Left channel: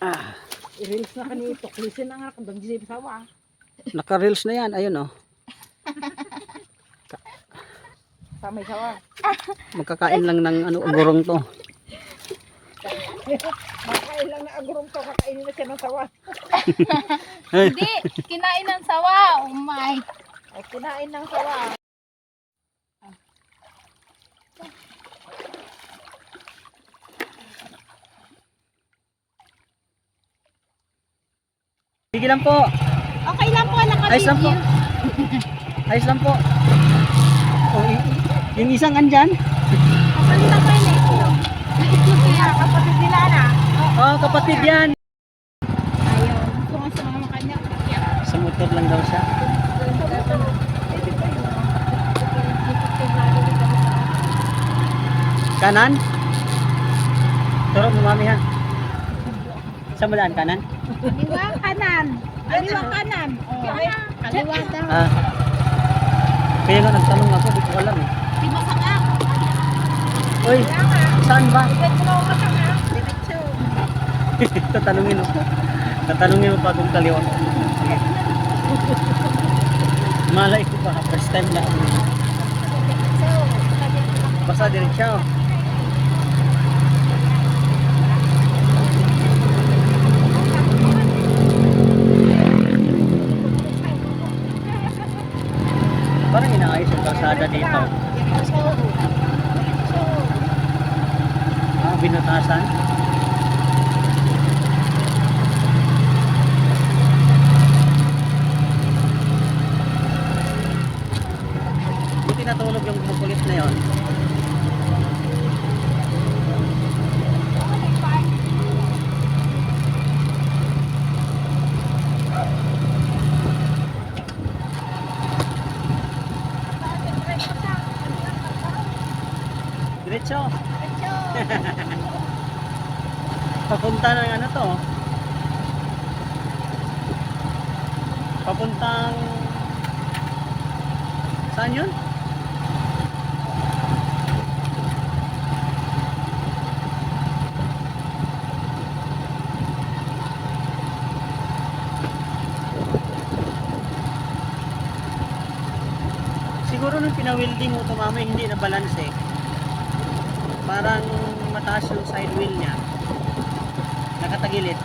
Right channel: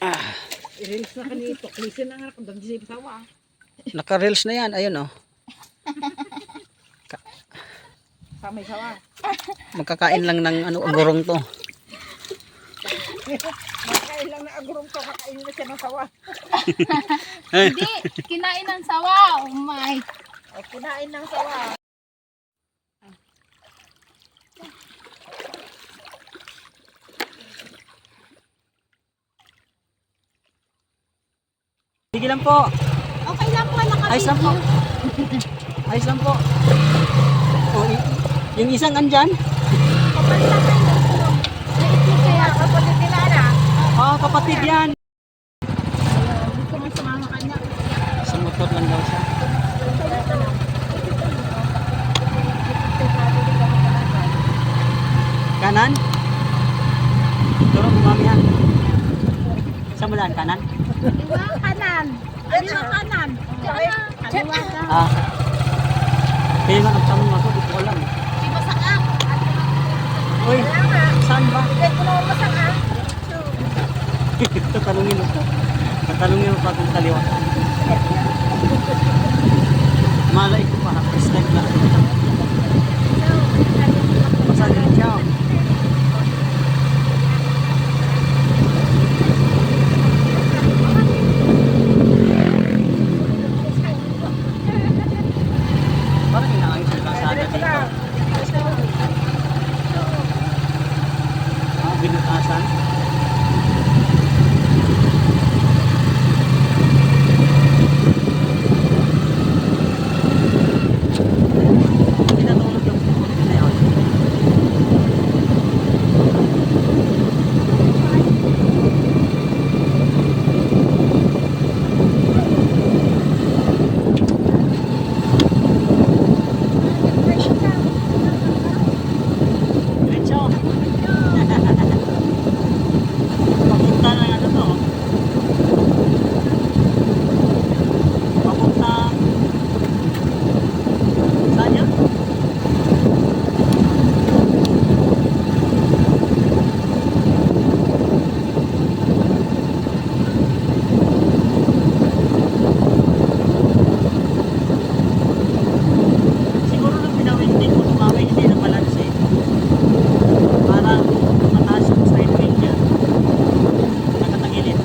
Ah, I-reels na kanito. Klisin na nga kung di sa sawa. naka-reels na yan. Ayun oh. Samay sawa. Magkakain lang ng ano, agurong to. Makain lang na agurong to. Kakainin na siya ng sawa. Hindi, kinain ng sawa. Oh my. O, kinain ng sawa. Sige lang po. Okay lang po, Ayos lang po. naka-video. Ayos lang po. Oh, yung isang andyan. Kapatid na pa yung itlog. May itlog kaya. Kapatid nila na. Oh, kapatid yan. Ayaw, gusto nga sumama kanya. Sa motor lang daw siya. Kanan? Turo, bumamihan. Saan mo daan? Kanan? Kaliwa kanan. Kaliwa kanan. Kaliwa daw. Ah. Kaya nga nagtanong ako, di ko alam eh. Di masaka. Uy, saan ba? Ibig ko na umasang ha. Diretso. Tatanungin mo. Tatanungin mo pa kung kaliwa. Malay ko pa, first time na. Basta din siya. Parang inaayos yung kalsada dito. Ah, binutasan. Tinatulog yung kukulit na yun. Diretso. Papunta ng ano to? Papuntang saan yun? Siguro nung pinawilding mo tumamay, hindi na balance eh. Parang mataas yung side wheel niya. Nakatagilid.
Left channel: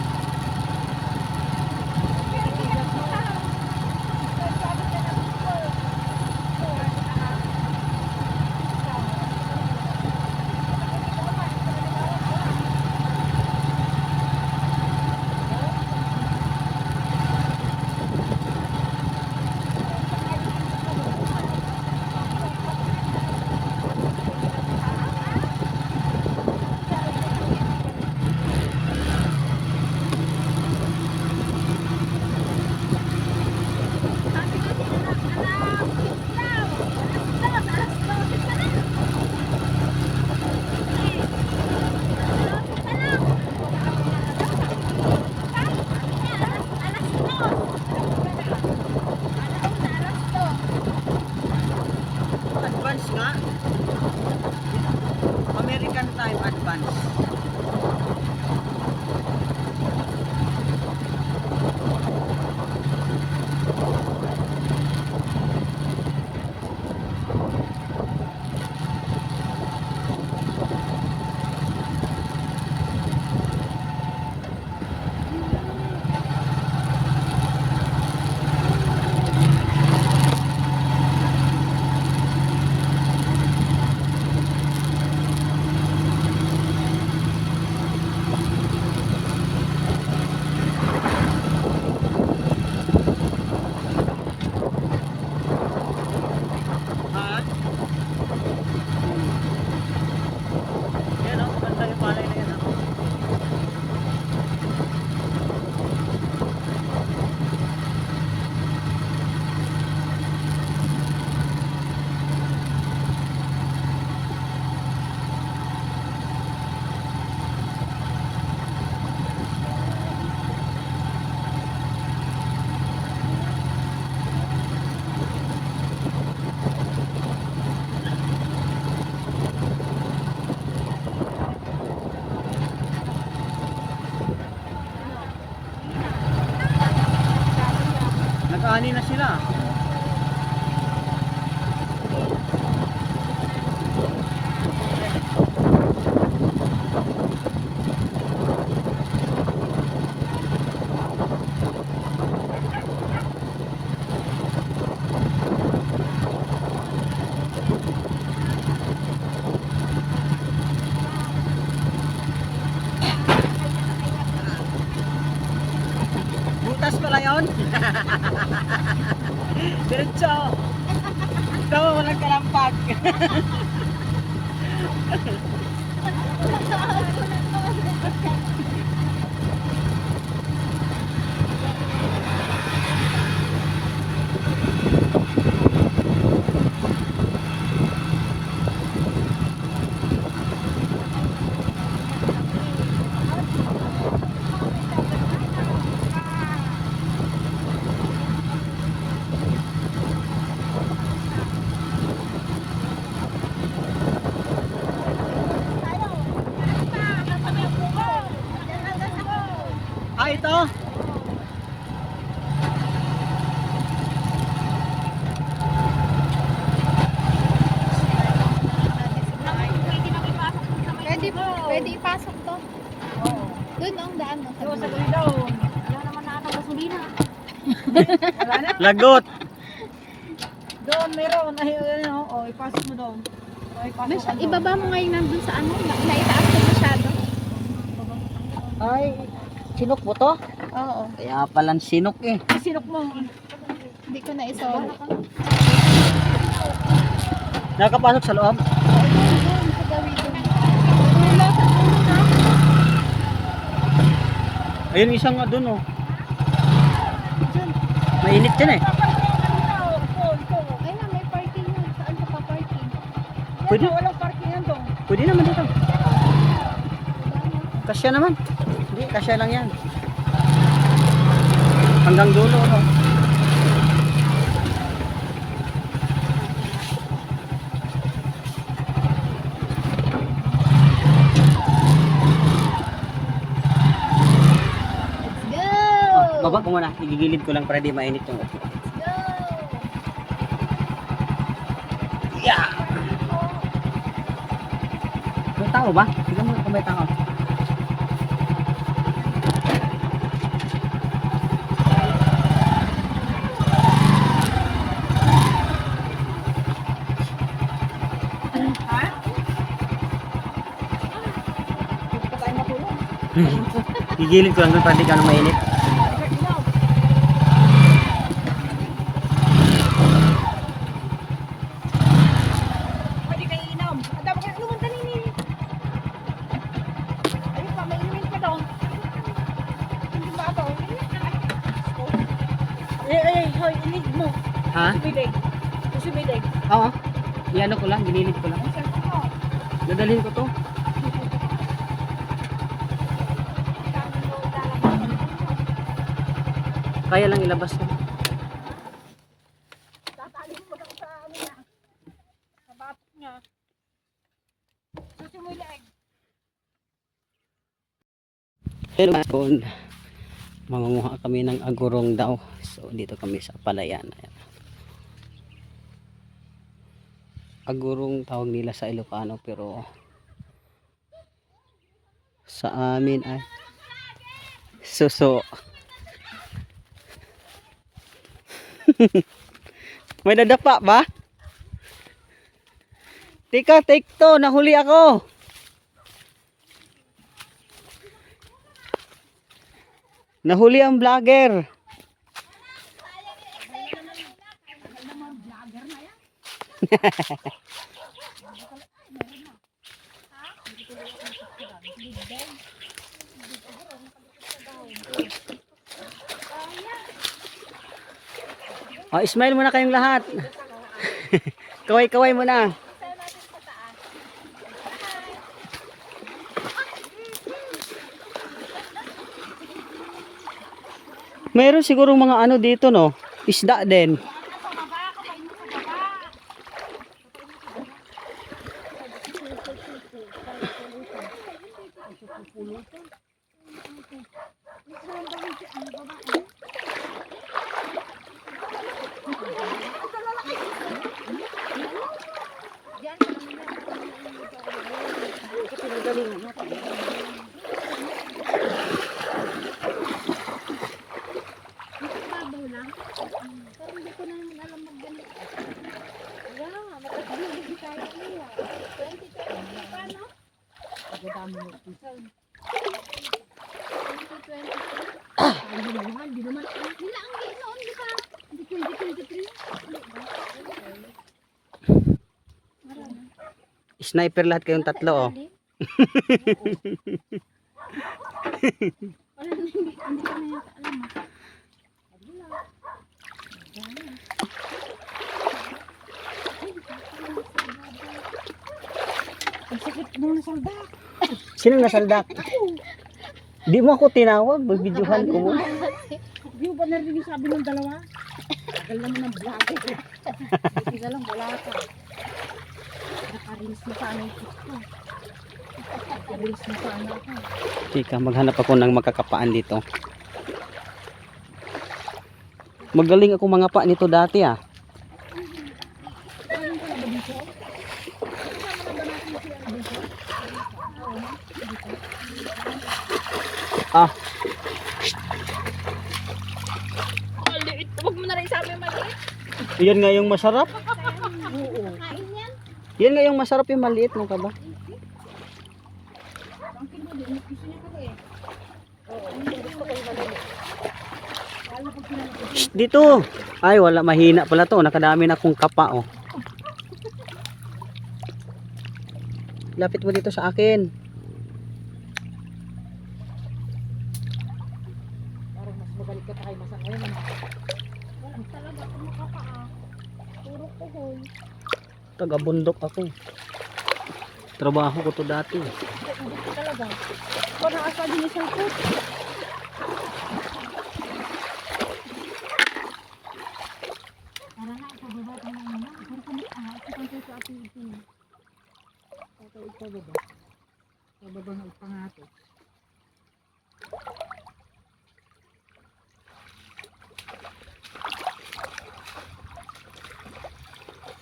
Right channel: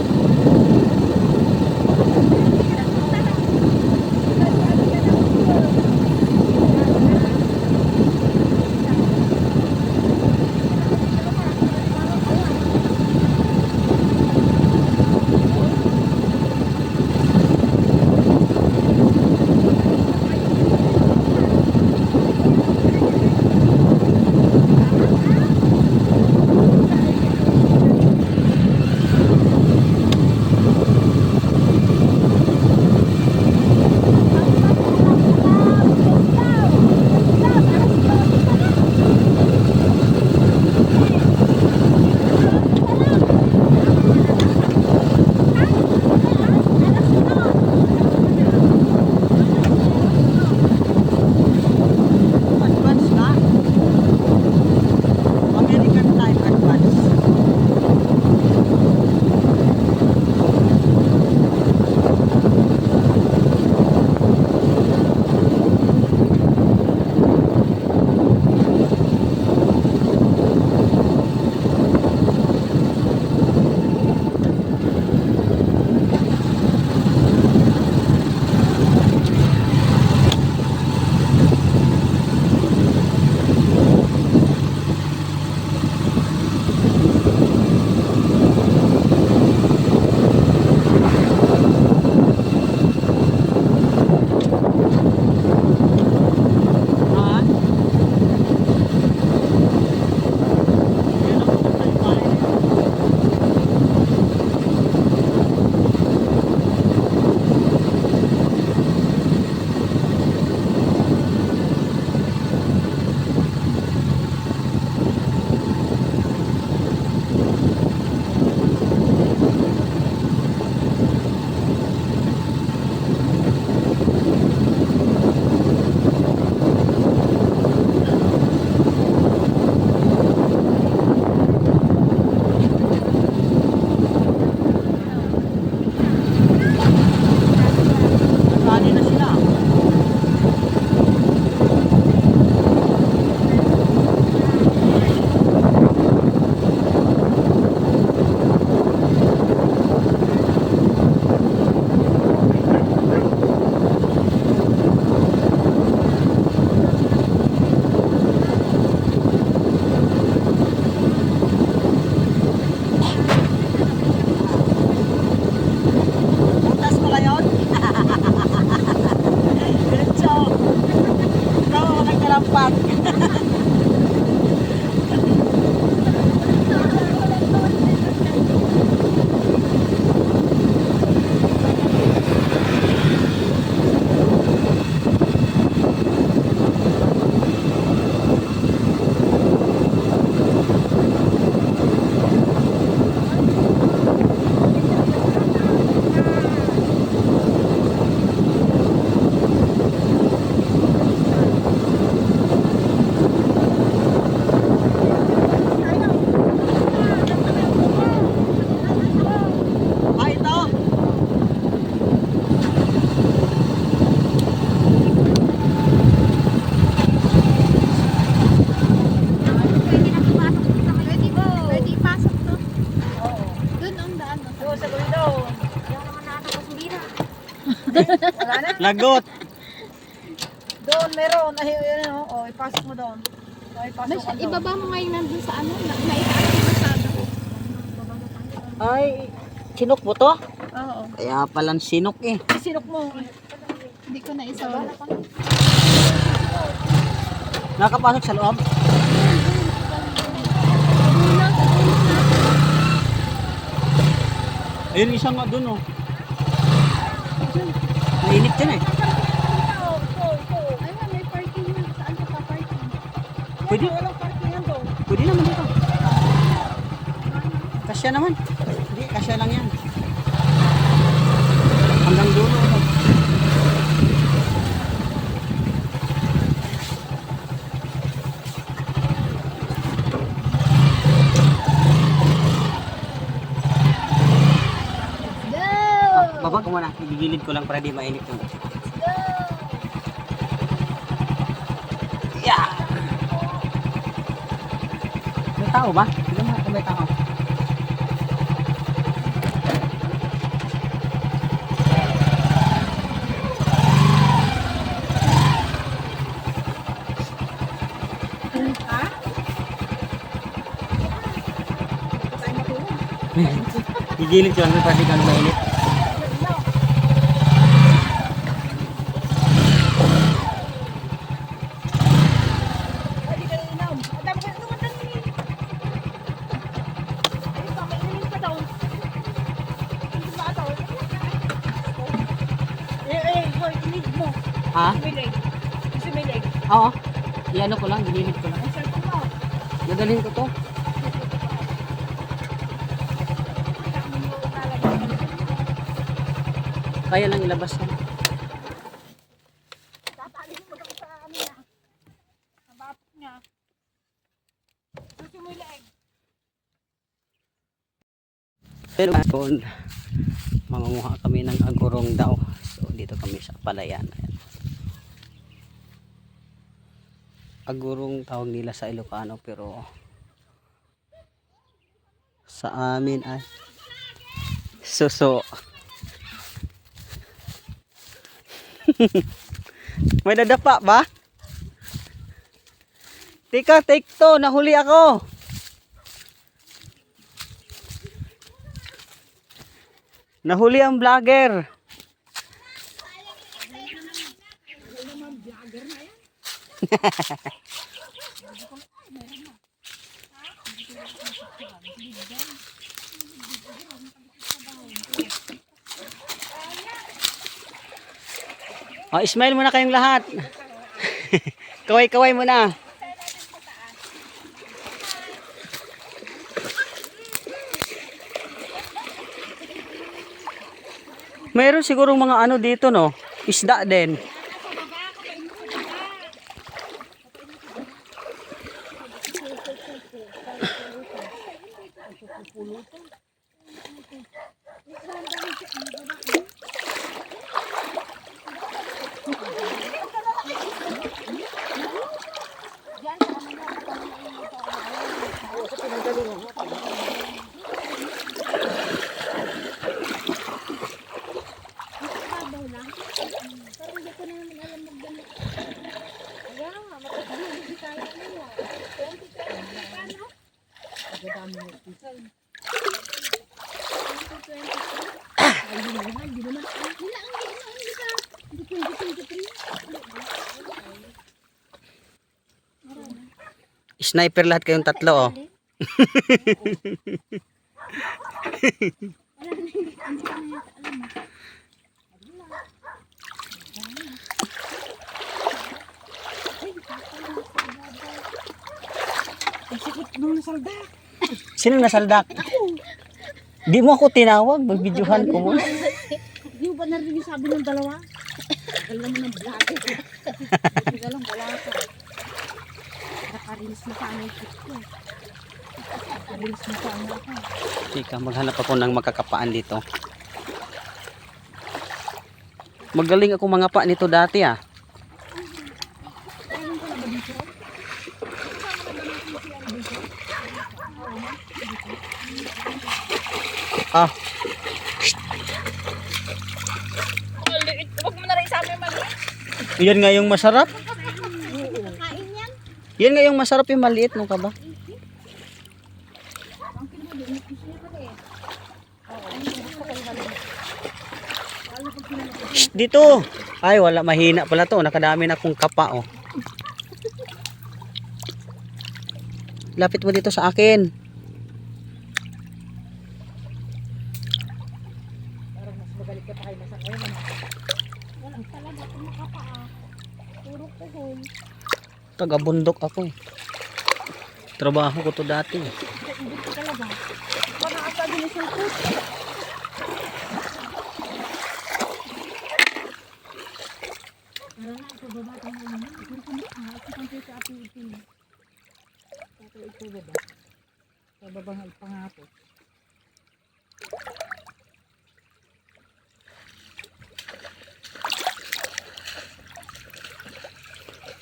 Ah, ito. Pwede ipasok to. Oo. Doon ang daan. No? Doon sa gawin daw. Wala naman nakakapasulina. Wala na. Lagot. Doon meron. Ay, ano, oh, ipasok mo doon. Oh, ipasok ka doon. Ibaba mo ngayon nandun sa ano. Naitaas ko masyado. Ay, sinok mo to? Oo. Kaya palang sinok eh. Sinok mo. Hindi ko na isaw. Nakapasok sa loob? Doon sa gawin. Dulo, sa dulo na. Ayun, isang nga dun oh. Mainit yan eh. Ay, may parking yan. Saan ka pa parking? Pwede. Walang parkingan doon. Pwede naman dito. Kasya naman. Hindi, kasya lang yan. Hanggang dulo no. Go! Baba ko muna. Igigilid ko lang para di mainit yung otso. Yeah! May tao ba? Tignan mo kung may tao. Ha? Hindi pa tayo matulog. Gigilid ko lang doon para di ka mainit. Pwede kayo inom. Dapat kayo inuman kanini. Ayun pa, may inumin pa doon. Hindi ba doon? Hoy, inid mo. Ha? Sumilig. Sumilig. Oo. Iano ko lang, gililid ko lang. Ang cellphone mo. Dadalhin ko to. Ang dami mo ilalagay sa likod mo. Kaya lang ilabas yan. Tatali mo lang sa ano niya. Sa batok niya. Sumilig. Pero doon, mangunguha kami ng agurong daw. So dito kami sa palayan. Ayan. Agurong tawag nila sa Ilocano pero sa amin ay suso. May dadapa ba? Tika, take to. Nahuli ako. Nahuli ang vlogger. Oh, smile muna kayong lahat. Kaway-kaway muna. Mayroon sigurong mga ano dito no, isda din. Sniper lahat kayong tatlo, oh. Wala na, hindi ka na yata alam mo. Ang sakit nung saldak. Sino nasaldak? Di mo ako tinawag, magbidyohan ko mo. Di mo ba narinig yung sabi ng dalawa? Tagal naman ng vlog. Hindi ka lang, wala ka. Nakarilis na sana yung kit ko. Nakarilis na sana ako. Tika, maghanap ako ng makakapaan dito. Magaling ako mga pa nito dati, ah. Ayun ka na ba dito? Kasama na ba natin si ano dito? Ah, Huwag mo na rin sabi maliit. yan nga yung masarap. Kain yan. Yan nga yung masarap yung maliit, no ka ba? Ang kinuli, gusto niya pala eh. Oo, gusto ko yung maliit. Lalo pag pinalaki. Shh, dito. Ay, wala, mahina pala to. Nakadami na akong kapa, oh. Lapit mo dito sa akin. Parang mas magalit ka pa kay Masang ngayon. Walang talaga kung makapaa. Puro kuhol. Taga-bundok ako. Trabaho ko to dati. Hindi ko talaga. Parang asabi ni Sulput. Para na, ipababa tayo ng muna. Ikaw kami, ito kang tayo sa ating. Ito ipababa. Ipababa ng pangato.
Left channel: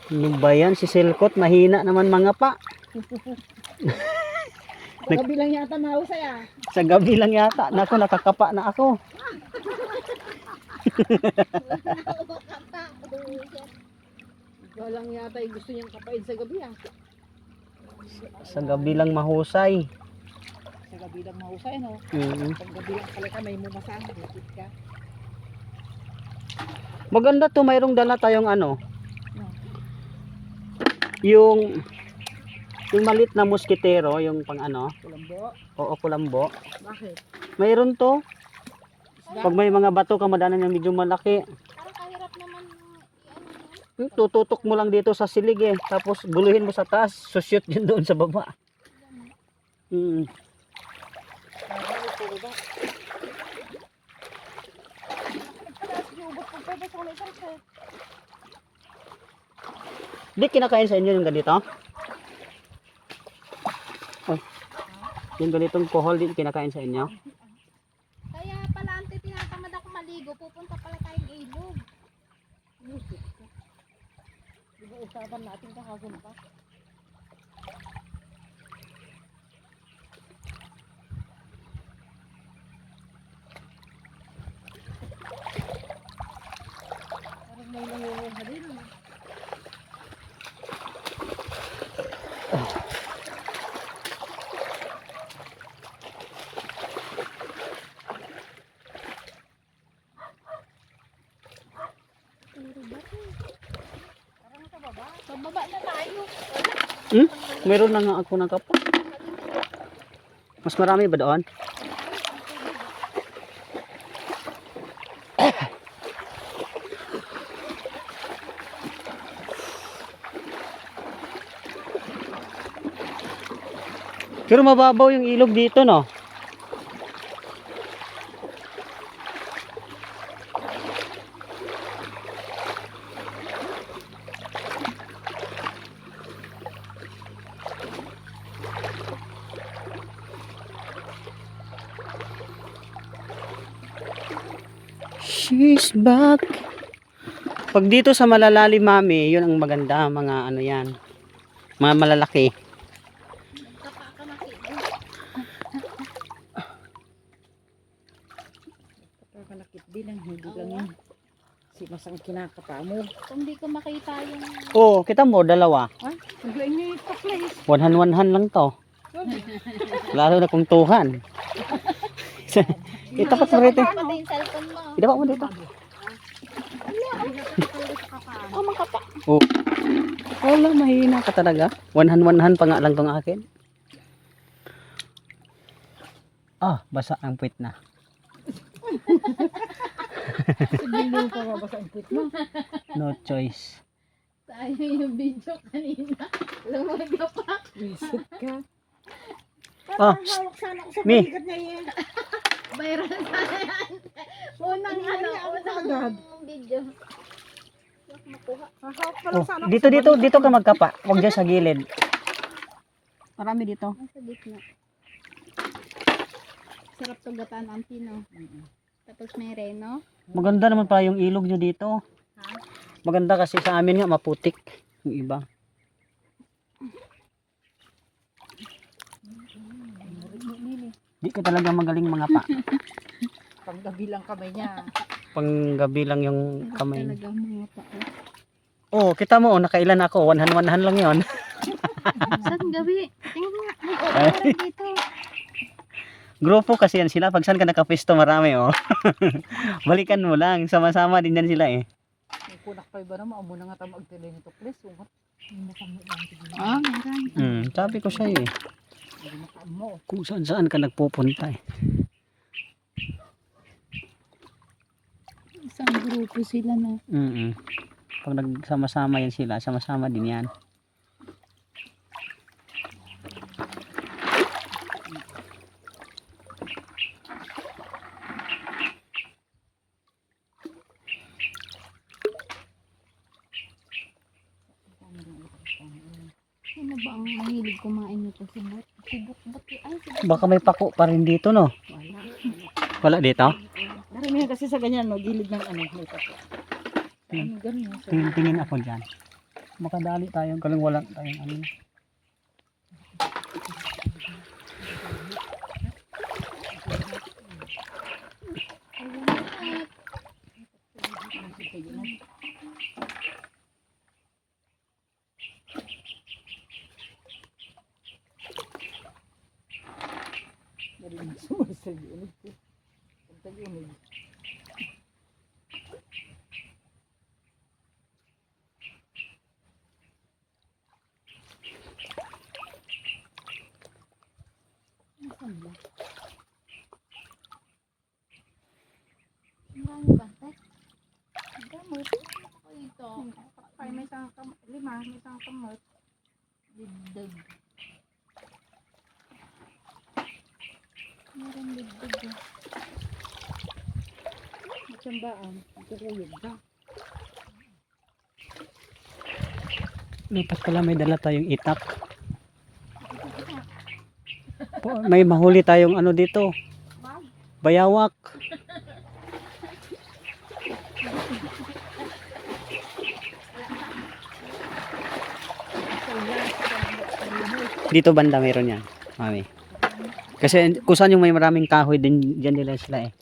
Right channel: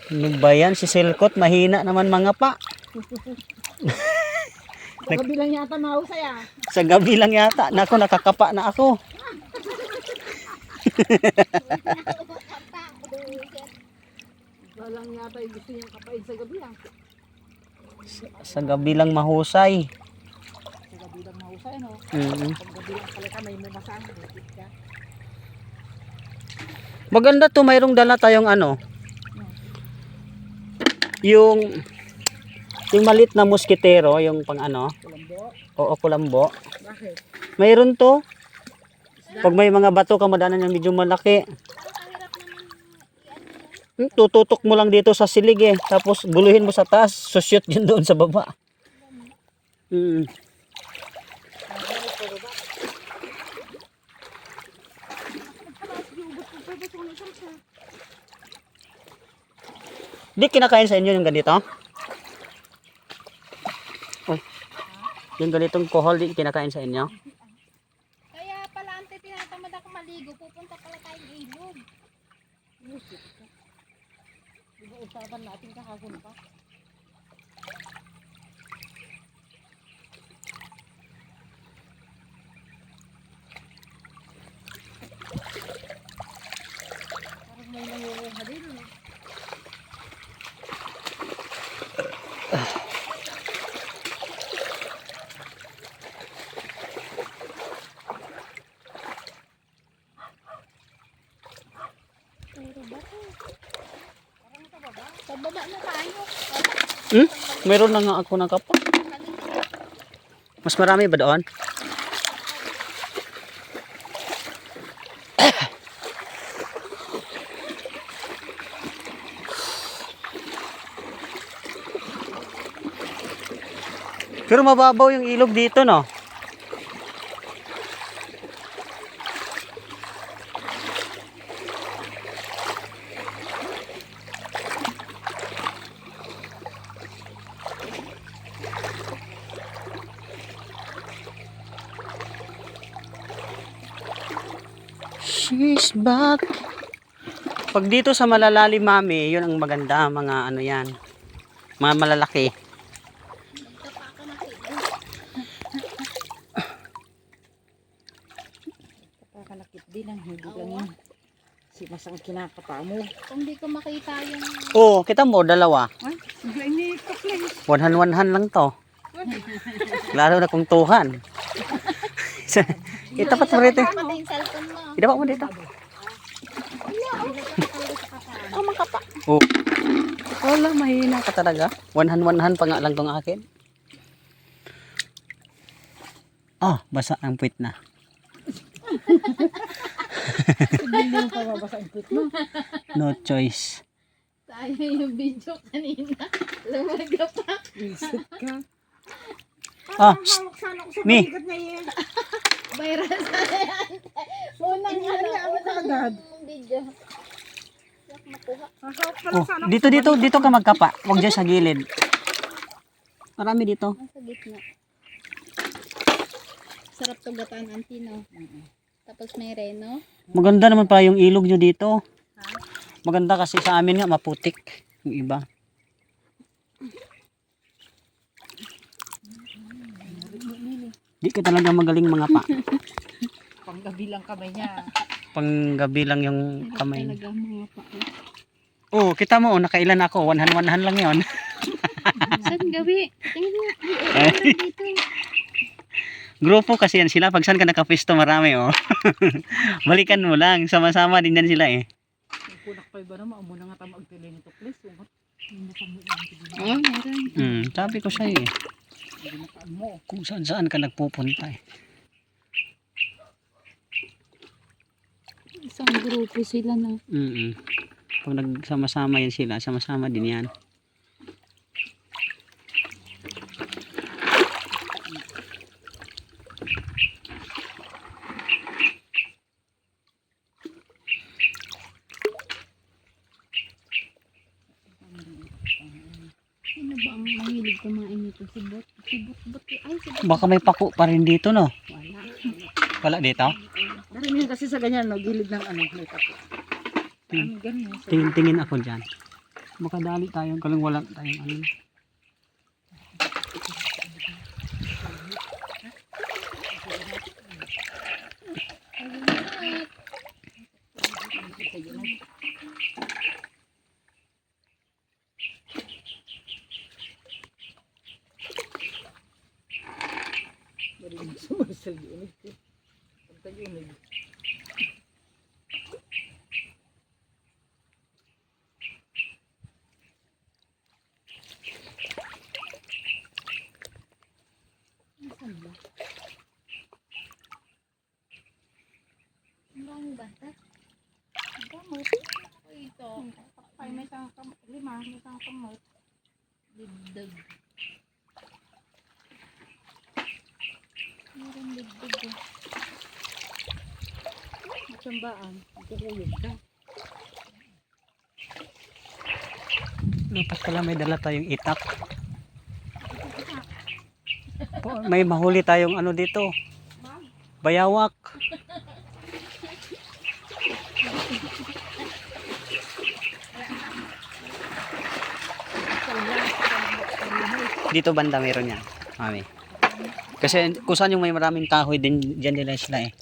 Ano ba yan? Si Silkot, mahina naman mga pa. Gabi lang yata mahusay ah. Sa gabi lang yata. Nako, nakakapa na ako. Ikaw lang yata yung gusto niyang kapain sa gabi ah. Sa gabi lang mahusay. Sa gabi lang mahusay no. Mm. Pag gabi lang pala ka may mumasang. Hipit ka. Maganda to, mayroong dala tayong ano. Yung maliit na musketero, yung pang ano. Kulambo. Oo, kulambo. Bakit? Mayroon to. Pag may mga bato ka madanan yung medyo malaki. Parang kahirap naman Tututok mo lang dito sa silig eh. Tapos guluhin mo sa taas. Susyot yun doon sa baba. Mm. Di kinakain sa inyo yung ganito? Ay. Yung ganitong kohol di kinakain sa inyo? Kaya pala ante tinatamad ako maligo. Pupunta pala tayong ilog. Musik ka. Di ba usapan natin kahapon pa? Parang may nangunguha din. Puro bato. Parang sa baba. Sa baba na tayo. Hmm? Meron na nga ako ng kapa. Mas marami ba doon? Pero mababaw yung ilog dito, no? She's back. Pag dito sa malalalim, mami, yun ang maganda, mga ano yan. Mga malalaki. Magkapa ka na kito. Kakalakit din ang hindi lang yun. Si Masang kinakapa mo. Kung di ko makita yung... Oh, kita mo, dalawa. Ha? Bigla ini kakling. One-hand lang to. Lalo na kung tuhan. Itapat mo rito. Pati yung cellphone mo. Idapat mo dito. makapaan. Oh, makapa. Oh. Wala, mahina ka talaga. One-hand pa nga lang tong akin. Ah, basa ang puwit na. Hindi ka mabasa ang pit mo. No choice. Sayang yung video kanina. Lumaga pa. Isip ka. Ah, Hawak sana ako sa Mi. balikat niya yan. Viral sana yan. Unang ano, ako kaagad. video. Yak makuha. Hawak pa lang Oh, sana ako dito sa dito balikat. dito ka magkapa. Huwag dyan sa gilid. Marami dito. Nasa gitna. Sarap to gataan ang tino. Tapos may reno. Maganda naman pala yung ilog nyo dito. Maganda kasi sa amin nga maputik yung iba. Di ka talaga magaling mga pa. Panggabi lang kamay niya. Panggabi lang yung kamay. Talaga mga pa. Oh, kita mo, nakailan ako. One-hand lang yon. Saan gabi? Tingnan mo. May oras dito. Grupo kasi yan sila. Pag saan ka nakapisto, marami oh. Balikan mo lang. Sama-sama din yan sila eh. May kunak pa iba naman. Amo na nga tayo magtili nito please. Ungat. Hindi nakamit lang. Oh, meron. Sabi ko sa'yo eh. Hindi nakamo. Kung saan ka nagpupunta eh. Isang grupo sila na. Pag nagsama-sama yan sila, sama-sama din yan. Ano ba ang mahilig kumain nito? Sibot? Sibot ba? Ay, sibot. Baka may pako pa rin dito no? Wala dito? Naramihan kasi sa ganyan no. Gilid ng ano. May tapo. Ano ganyan. Tingin ako dyan. Makadali tayo. Kalang wala tayong ano. Marinig sumasal yun. Pagtag yun. Nasaan ba? Ang bata. Ang gamot. Ako ito. Ay, may isang lima. May isang kamot. Dibdib. Meron dibdib. Matsambaan. Magkakuyog ka. Dapat pala may dala tayong itak. May mahuli tayong ano dito. Bayawak. Dito banda meron yan, mami. Kasi kung saan yung may maraming kahoy din dyan nila sila eh.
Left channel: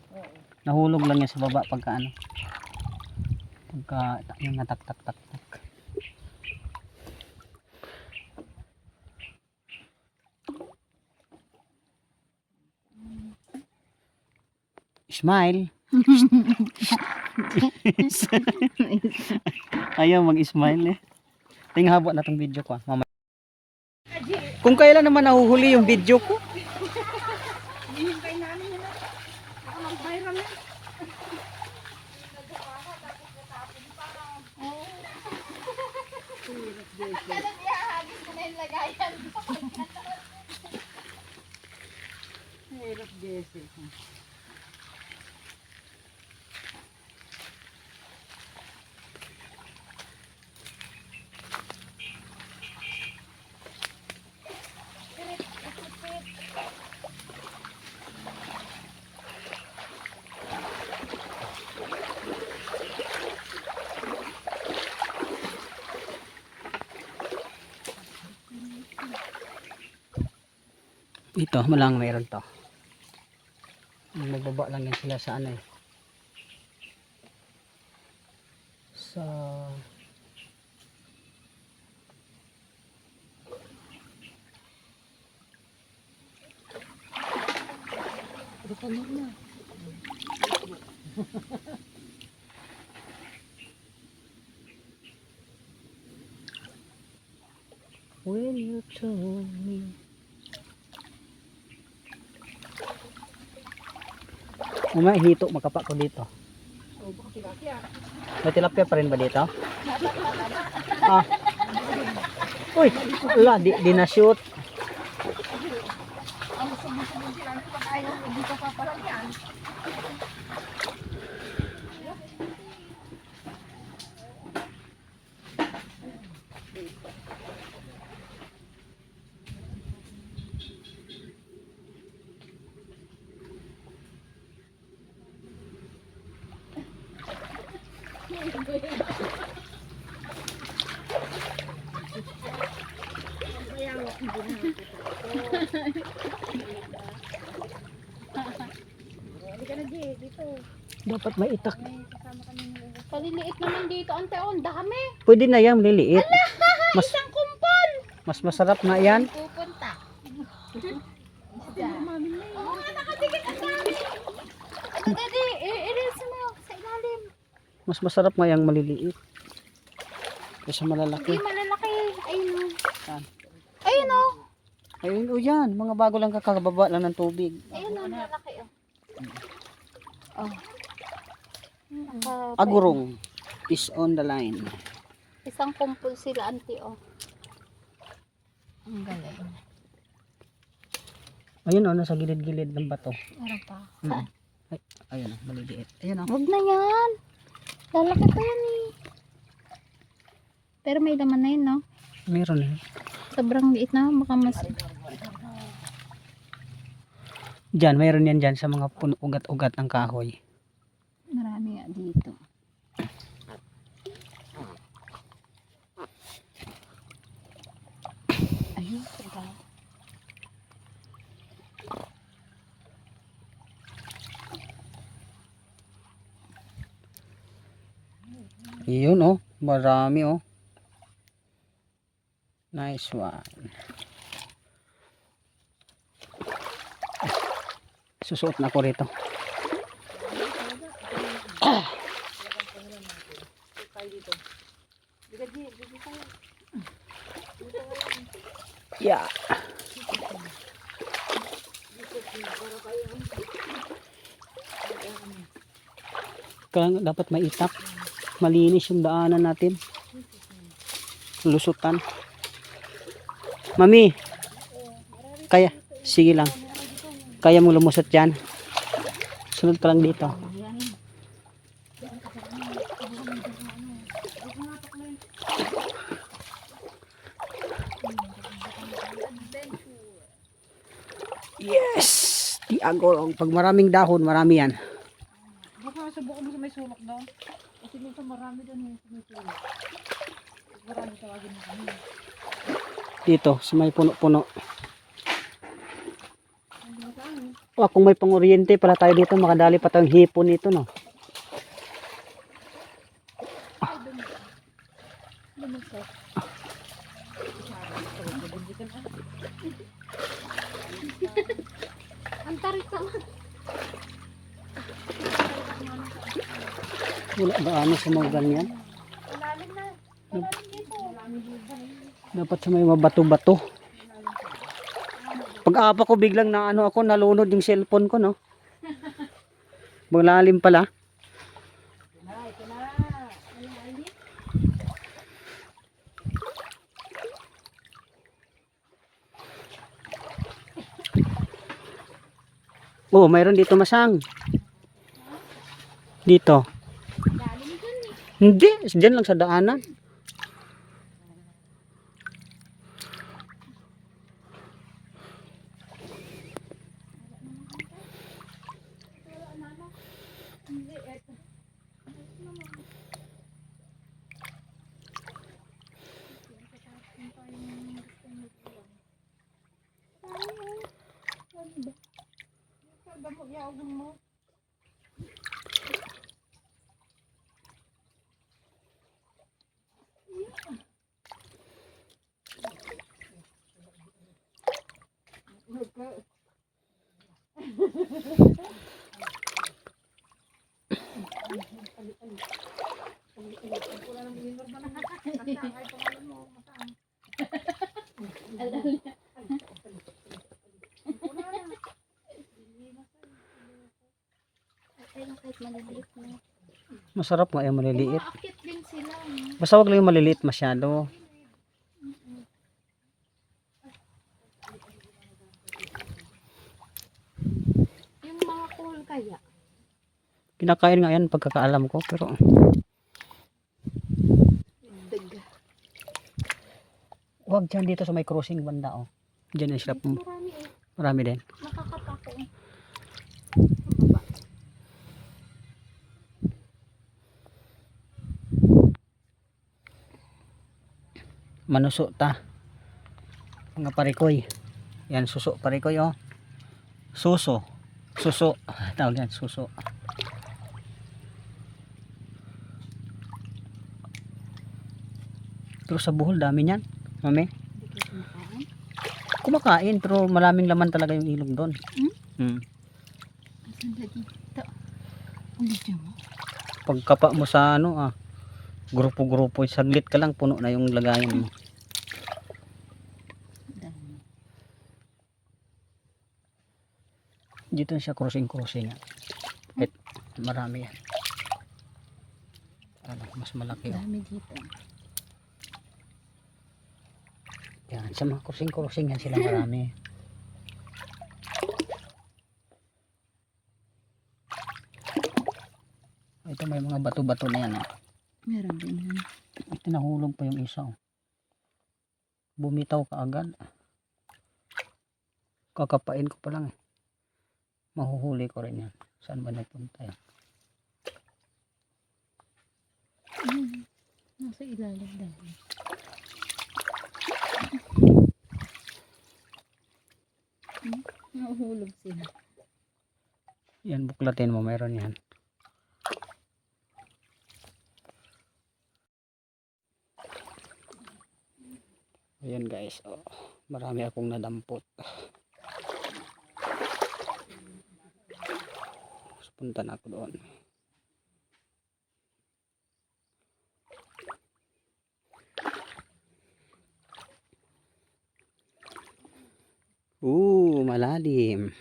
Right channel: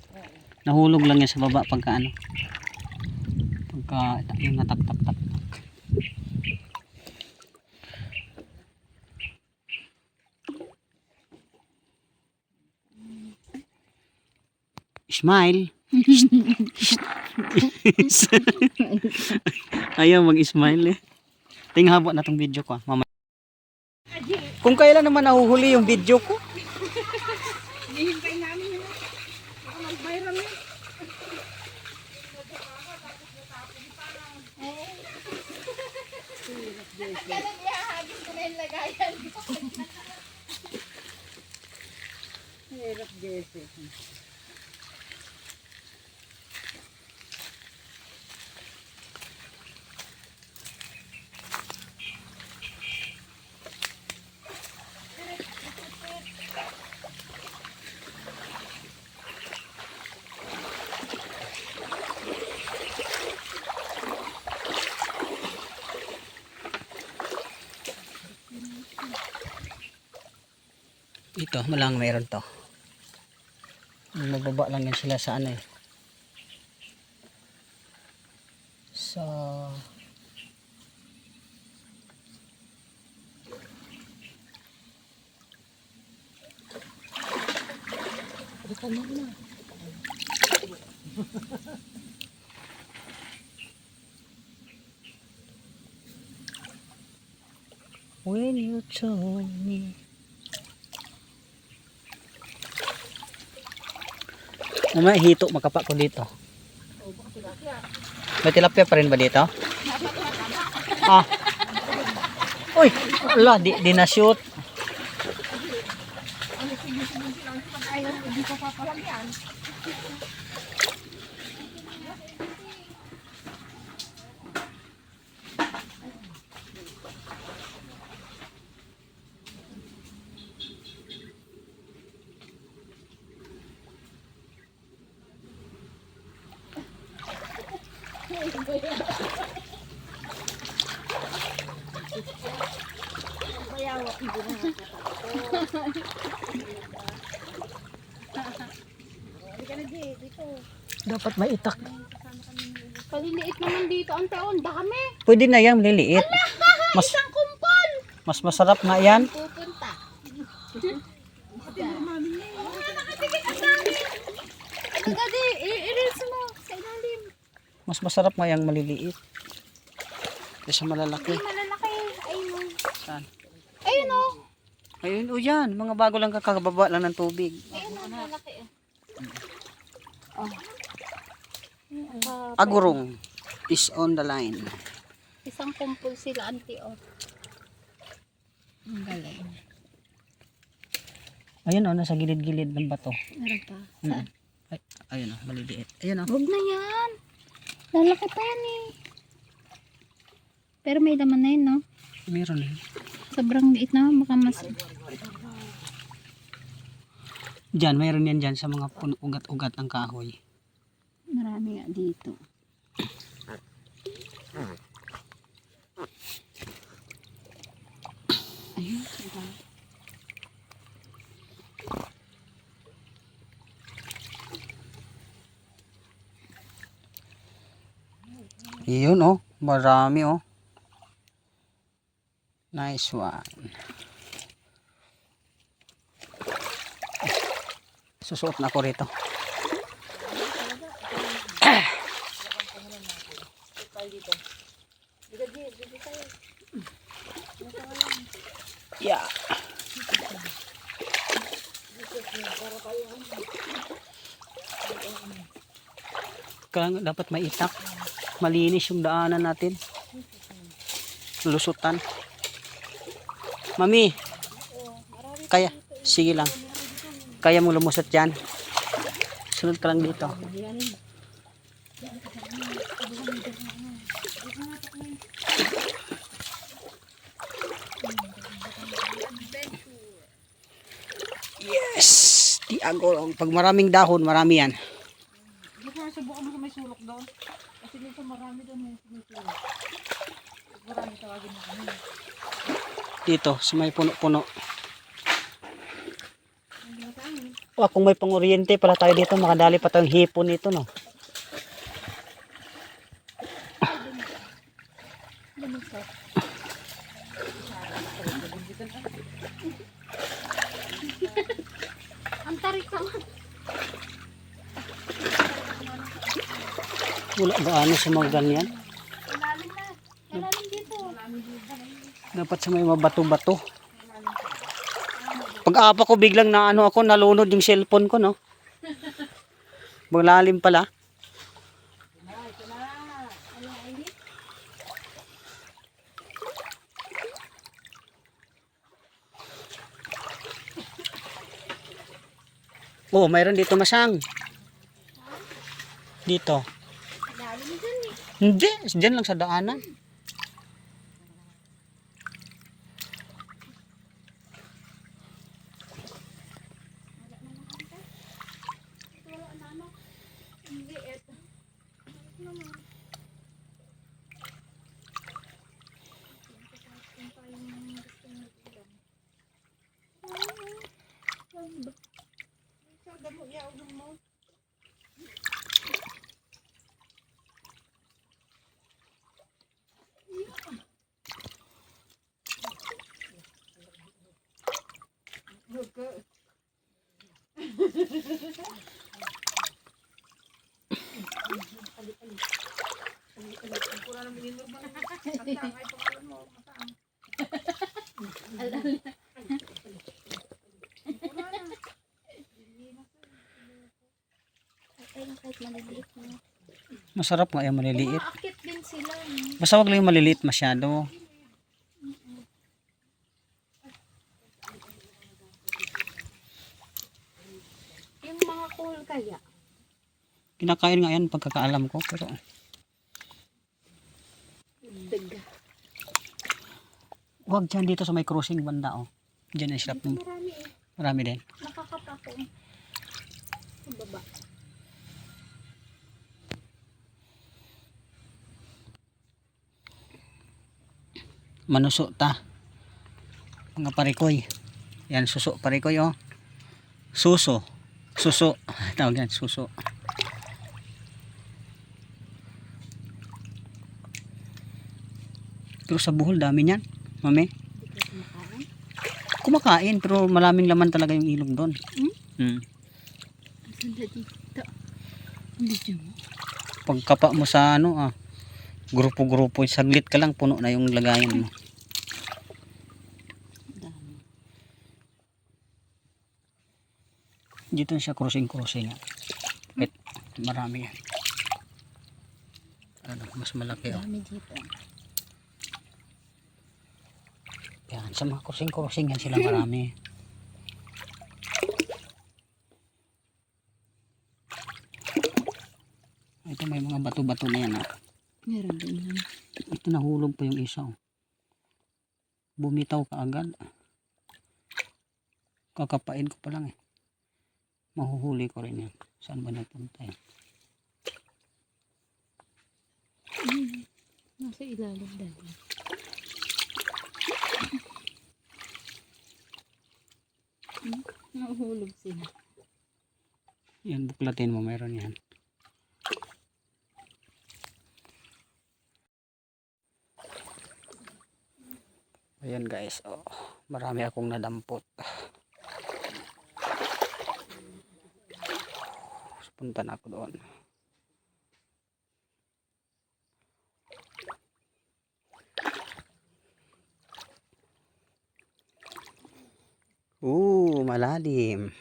Nahulog lang yan sa baba pagka ano. Pagka yung natak-tak-tak. Smile. Ayaw mag-smile eh. Tinghabo na tong video ko. Mamaya. Kung kailan naman nahuhuli yung video ko. Hihintay namin yun. Baka mag-viral yun. Ihahagis ko na yung lagayan. Hirap, Jesse. Ito, malang meron to. Magbaba lang yan sila sa ano eh. Sa... when you told me. Mamaya hito makapa ko dito. May tilapia pa rin ba dito? Ah. Uy, ala, di na shoot. Dapat may itak. Paliliit naman dito, ante, oh, ang dami. Pwede na yan, liliit. Mas, Isang kumpol. mas masarap na yan. Pupunta. Agad i-reels mo sa ilalim. Mas masarap nga yung maliliit. Kaysa malalaki. Hindi malalaki. Ayun o. Saan? Ayun o. Ayun, o yan. Mga bago lang kakababa lang ng tubig. Ayun o, malalaki o. Oh. Agurong is on the line. Isang kumpol sila, ante, o. Ang galing. Ayun o, nasa gilid-gilid ng bato. Meron pa. Mm. Ay, ayun o, maliliit. Ayun o. Huwag na yan. Lalaki pa yan eh. Pero may laman na yun, no? Meron eh. Sobrang liit na. Baka mas... Diyan, mayroon yan dyan sa mga ugat-ugat ng kahoy. Marami nga dito. Ayun. Yun oh, marami oh. Nice one. Susuot na ako rito. Yeah. Kaya dapat may itak. Malinis yung daanan natin. Lusutan. Mami. Kaya, sige lang. Kaya mo lumusot yan. Sunod ka lang dito. Yes! Di agorong. Pag maraming dahon, marami yan. Baka subukan mo sa may sulok doon. Kasi minsan marami doon yung sumusulok. Marami tawagin mo kami. Dito, sa may puno-puno. Oh, kung may panguryente pala tayo dito, makadali pa tayong hipon nito, no? Ang tarik ka. Wala gaano sa mga ganyan. Malalim na. Malalim dito. Dapat sa may mabato-bato. Pag-apa ko biglang na ano ako, nalunod yung cellphone ko, no? Malalim pala. Oh, mayroon dito masang. Dito. Hindi, diyan lang sa daanan. Pero kahit maliliit na. Masarap nga yung maliliit. Umaakit din sila. No? Basta wag lang yung maliliit masyado. Yung mga cool kaya. Kinakain nga yan pagkakaalam ko pero Daga. wag dyan dito sa may crossing banda oh. Diyan yung sila. Marami eh. Marami din. Nakakapa ko. Sa baba. Manuso ta. Mga parikoy. Yan suso parikoy oh. Suso. Suso. Tawag yan suso. Pero sa Bohol dami niyan. Mami. Hindi ko kumakain. Kumakain pero maraming laman talaga yung ilog doon. Hmm. Asan na dito? Hindi dyan mo. Pagkapa mo sa ano grupo-grupo saglit ka lang puno na yung lagayan mo. Dami. Dito siya crossing nga. Wait, marami yan. Ano, mas malaki oh. Dami dito. Yan, sa mga crossing yan sila marami. Ito may mga bato-bato na yan oh. Meron din yan. Ito nahulog pa yung isa oh. Bumitaw ka agad. Kakapain ko pa lang eh. Mahuhuli ko rin yan. Saan ba nagpunta yan? Nasa ilalim dahil. Nahuhulog sila. Yan, buklatin mo, mayroon yan. Ayan guys, oh, marami akong nadampot. Punta na ako doon. Malalim.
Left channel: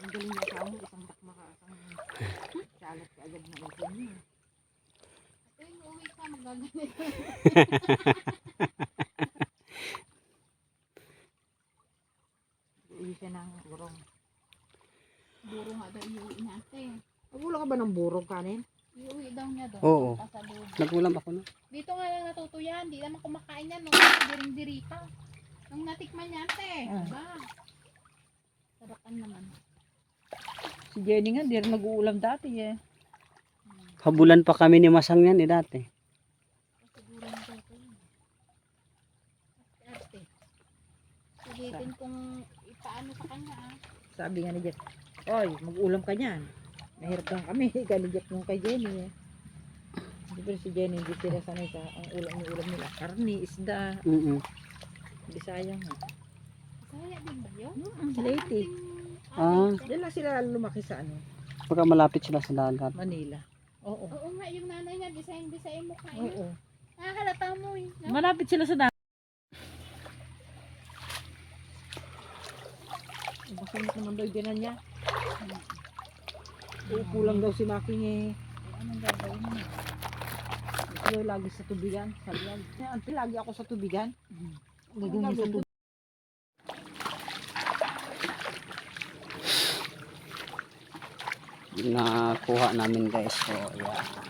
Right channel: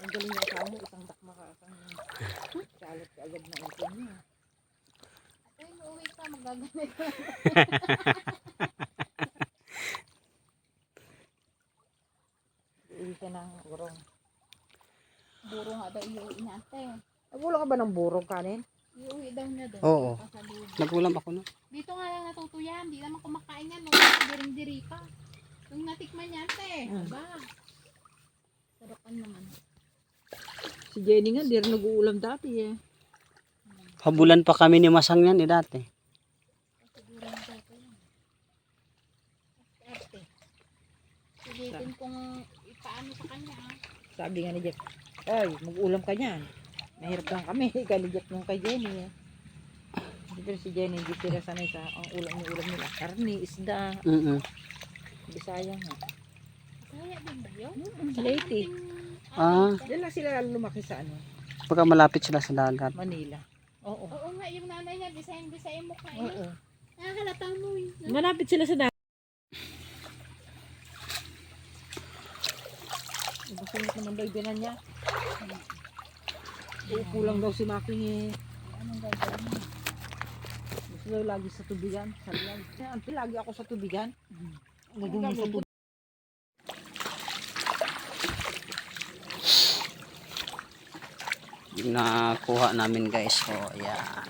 Ang galing niya sa mo, isang dakma ka, isang salat ka agad na ito niya. Ate, uuwi ka, magagalit. Iuwi siya ng burong. Buro nga daw iuwi niya, ate. Wala ka ba ng burong kanin? Iuwi daw niya daw. Oo. Pasalubong. Nagulam ako na. Dito nga lang natuto yan. Di naman kumakain yan. Nung diring-diri pa. Nung natikman niya, ate. Aba. Sarapan naman. Si Jenny nga, di rin nag-uulam dati eh. Habulan pa kami ni Masang yan dati. Siguro na dito yan. Ate. Sulitin kung ipaano sa kanya ah. Sabi nga ni Jack, oy, mag-ulam ka niyan. Mahirap lang kami, ikaw ni Jack nung kay Jenny eh. Pero si Jenny, hindi sila sanay sa ang ulam nila. Karni, isda, Bisaya nga. Kaya din ba yun? Sa Leyte. Ah, Diyan lang sila lumaki sa ano, pagka malapit sila sa dagat. Manila. Oo. Oo nga, yung nanay niya, design mo kain. Oo. Nakakalata mo eh. No? Malapit sila sa dagat. Masungit naman daw yung niya. Uupo lang daw si Making eh. Anong gagawin mo? Ayaw lagi sa tubigan. Sabi lang, auntie, lagi ako sa tubigan. Lagi mo sa tubigan. Nakuha namin guys. So, ayan.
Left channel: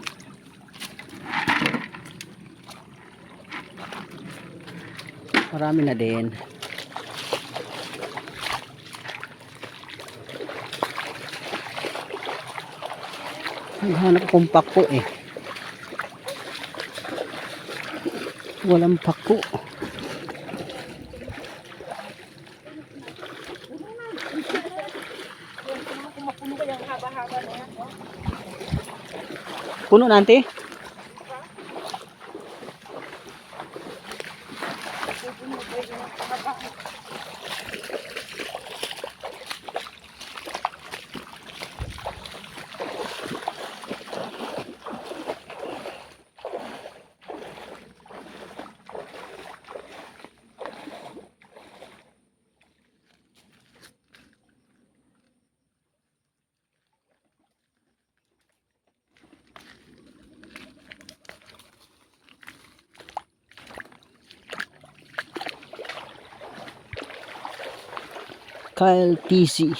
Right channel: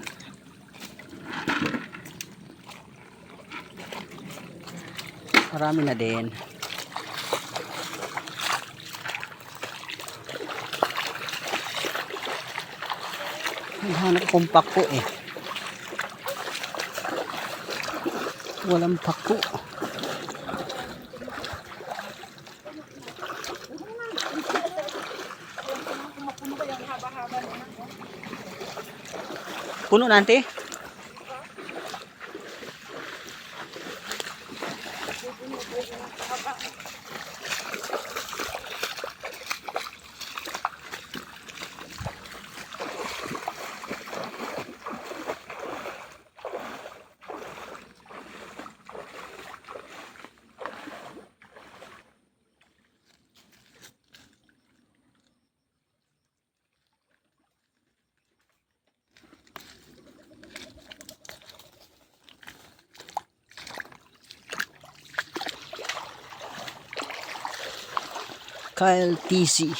Marami na din. Naghanap kong pako eh. Walang pako. Puno na, auntie? Kyle TC.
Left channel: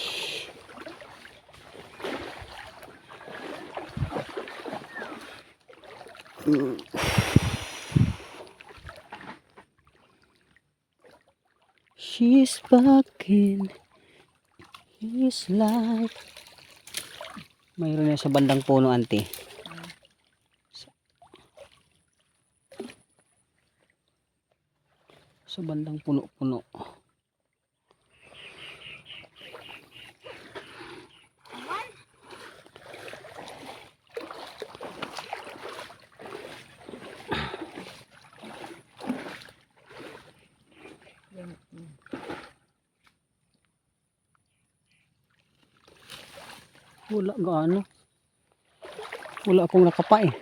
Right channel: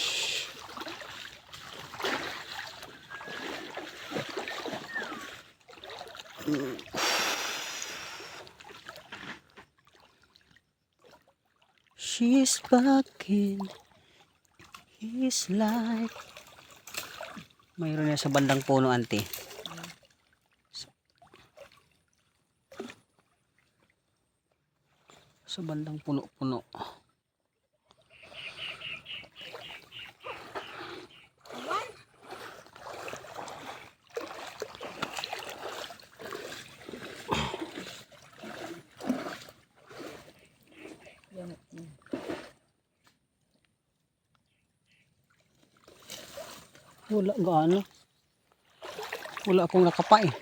She's back in his life. Mayroon yan sa bandang puno, auntie. Sa bandang puno-puno. Yan. Wala gaano. Wala akong nakapa eh.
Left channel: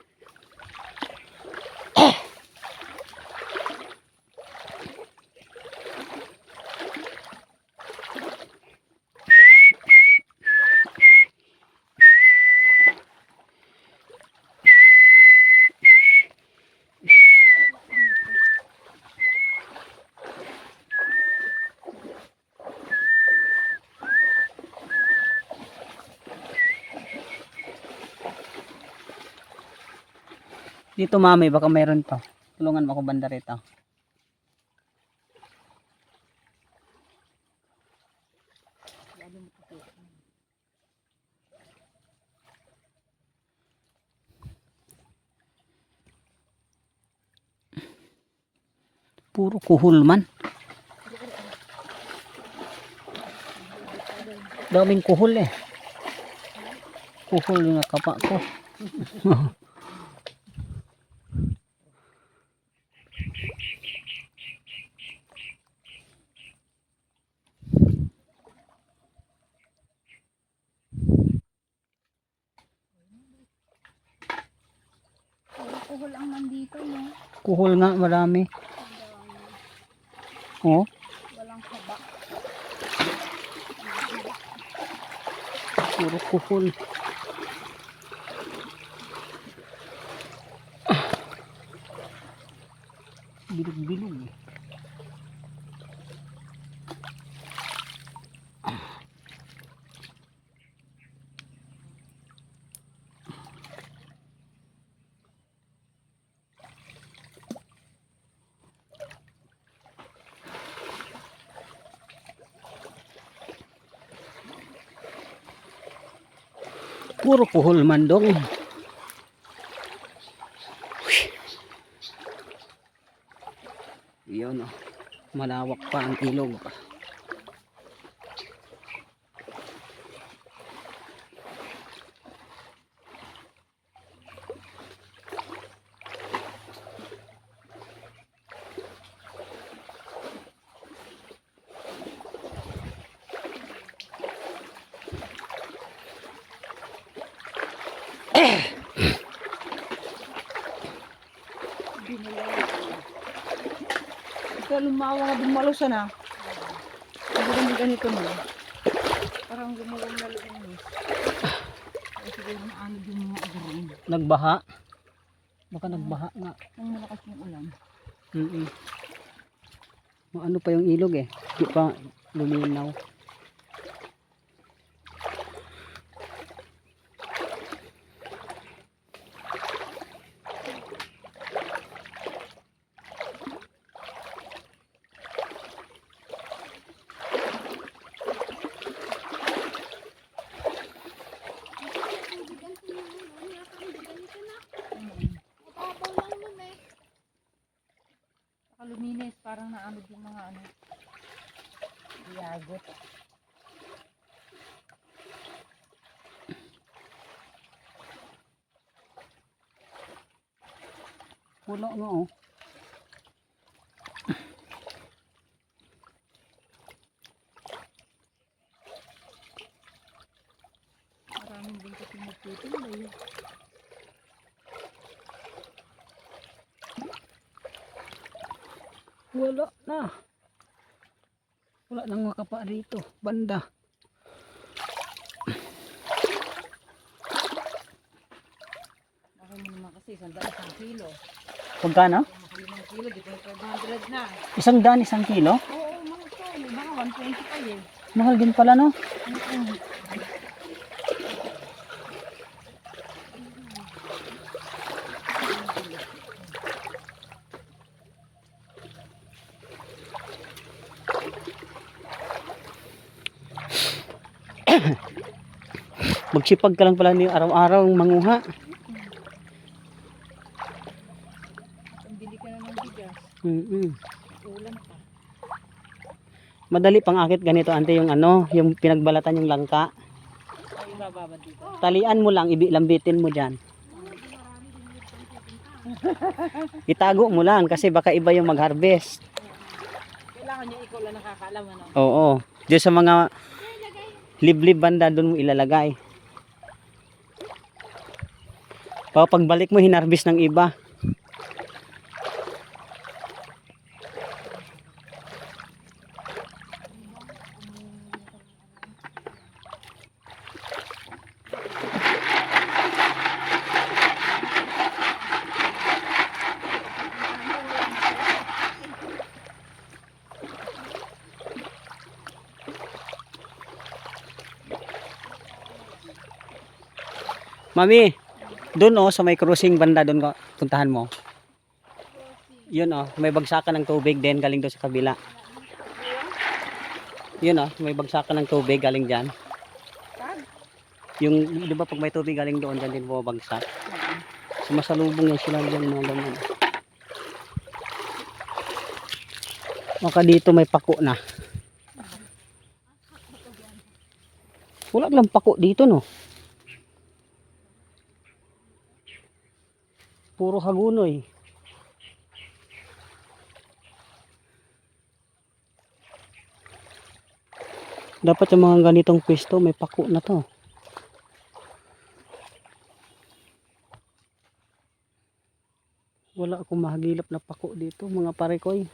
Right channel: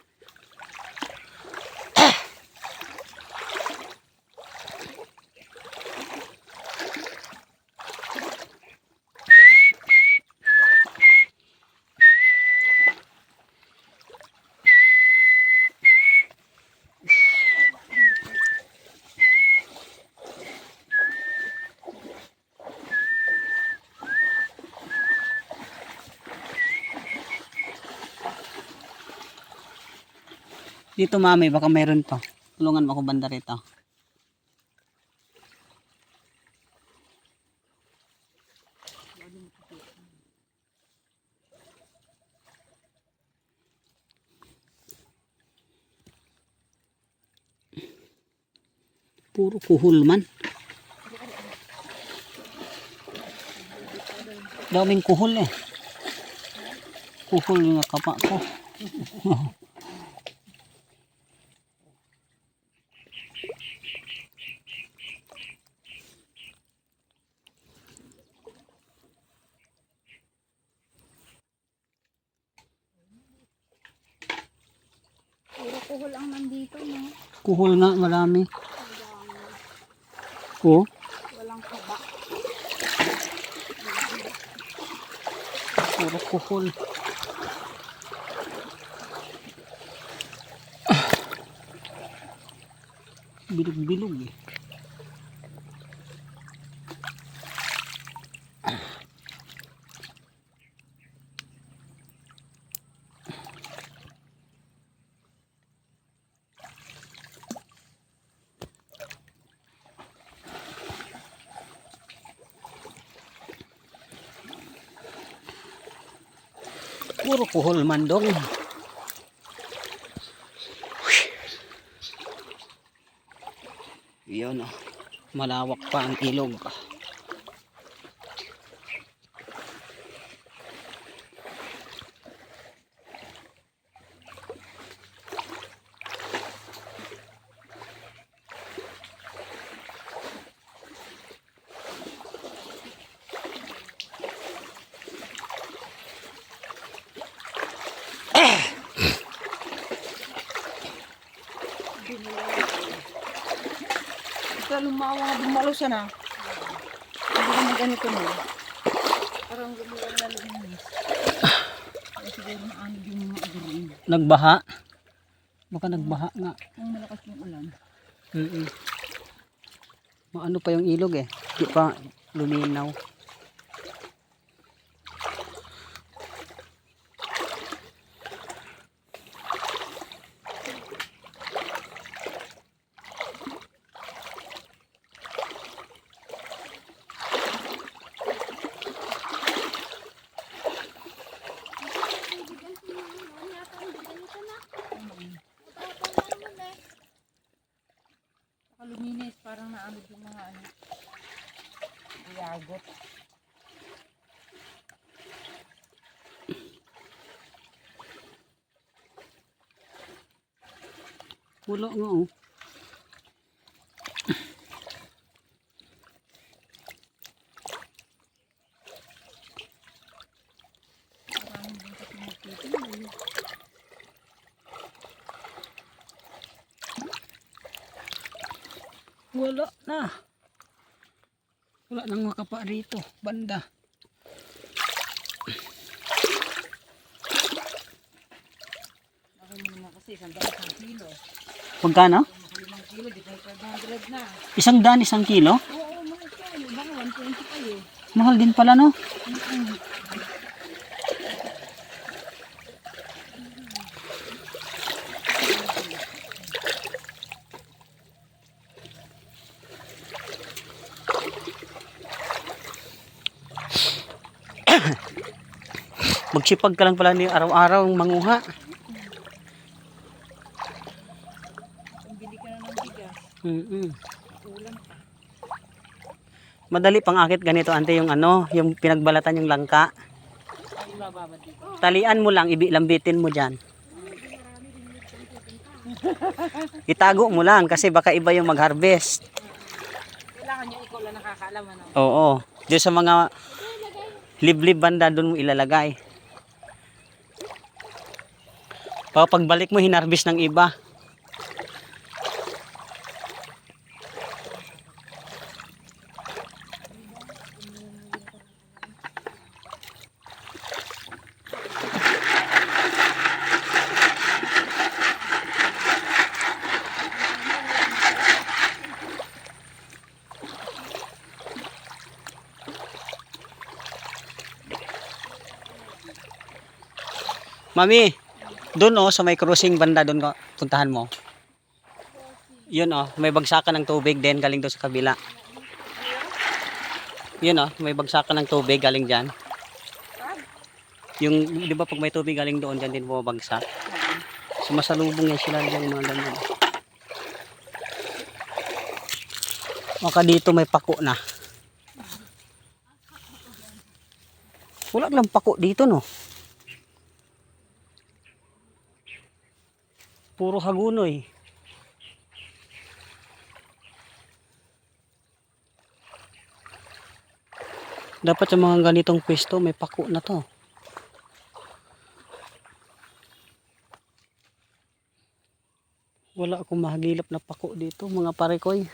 Dito mami, baka mayroon to. Tulungan mo ako banda rito. Puro kuhol man. Daming kuhol eh. Kuhol yung nakapa ko. Puro kuhol ang nandito, no? Kuhol nga, marami. Oh, Walang haba. puro kuhol. Bilog-bilog eh. Puro kuhol man dong. Yun oh. Malawak pa ang ilog. Ito lumawa nga dumalusan na. Hindi naman ganito na. Parang gumulang na luminis. Kaya siguro maanod yung mga agarin. Nagbaha. Baka nagbaha nga. Ang malakas yung ulan. Maano pa yung ilog eh. Di pa luminaw. Luminis, parang naanod yung mga ano. Iyagot. Wala nga oh. Maraming din kasi magtituloy. Wala na. Wala nang makapa rito. Banda. Bakit mo naman kasi, 100 kilo. Pagkano? 5 kilo, di ba 500 na. 100 kilo? Oo, mga ito. Baka 120 pa eh. Mahal din pala, no? Magsipag ka lang pala ni araw-araw manguha. Pambili ka na ng bigas. Ulam ka. Madali pang akit ganito, ante, yung ano, yung pinagbalatan yung langka. Ay, bababa dito. Talian mo lang, lambitin mo dyan. Itago mo lang kasi baka iba yung mag-harvest. Kailangan yung ikaw lang nakakaalam, ano? Oo. Diyan sa mga liblib banda doon mo ilalagay. Pagbalik mo hinarvest ng iba. Mami, doon oh, sa may crossing banda doon ka puntahan mo. Yun oh, may bagsakan ng tubig din galing doon sa kabila. Yun oh, may bagsakan ng tubig galing diyan. Yung, di ba pag may tubig galing doon, dyan din bumabagsak. Sumasalubong yan sila dyan mga ganyan. Maka dito may pako na. Wala lang pako dito, no? Puro hagunoy. Dapat yung mga ganitong pwesto may pako na to. Wala akong mahagilap na pako dito, mga parekoy.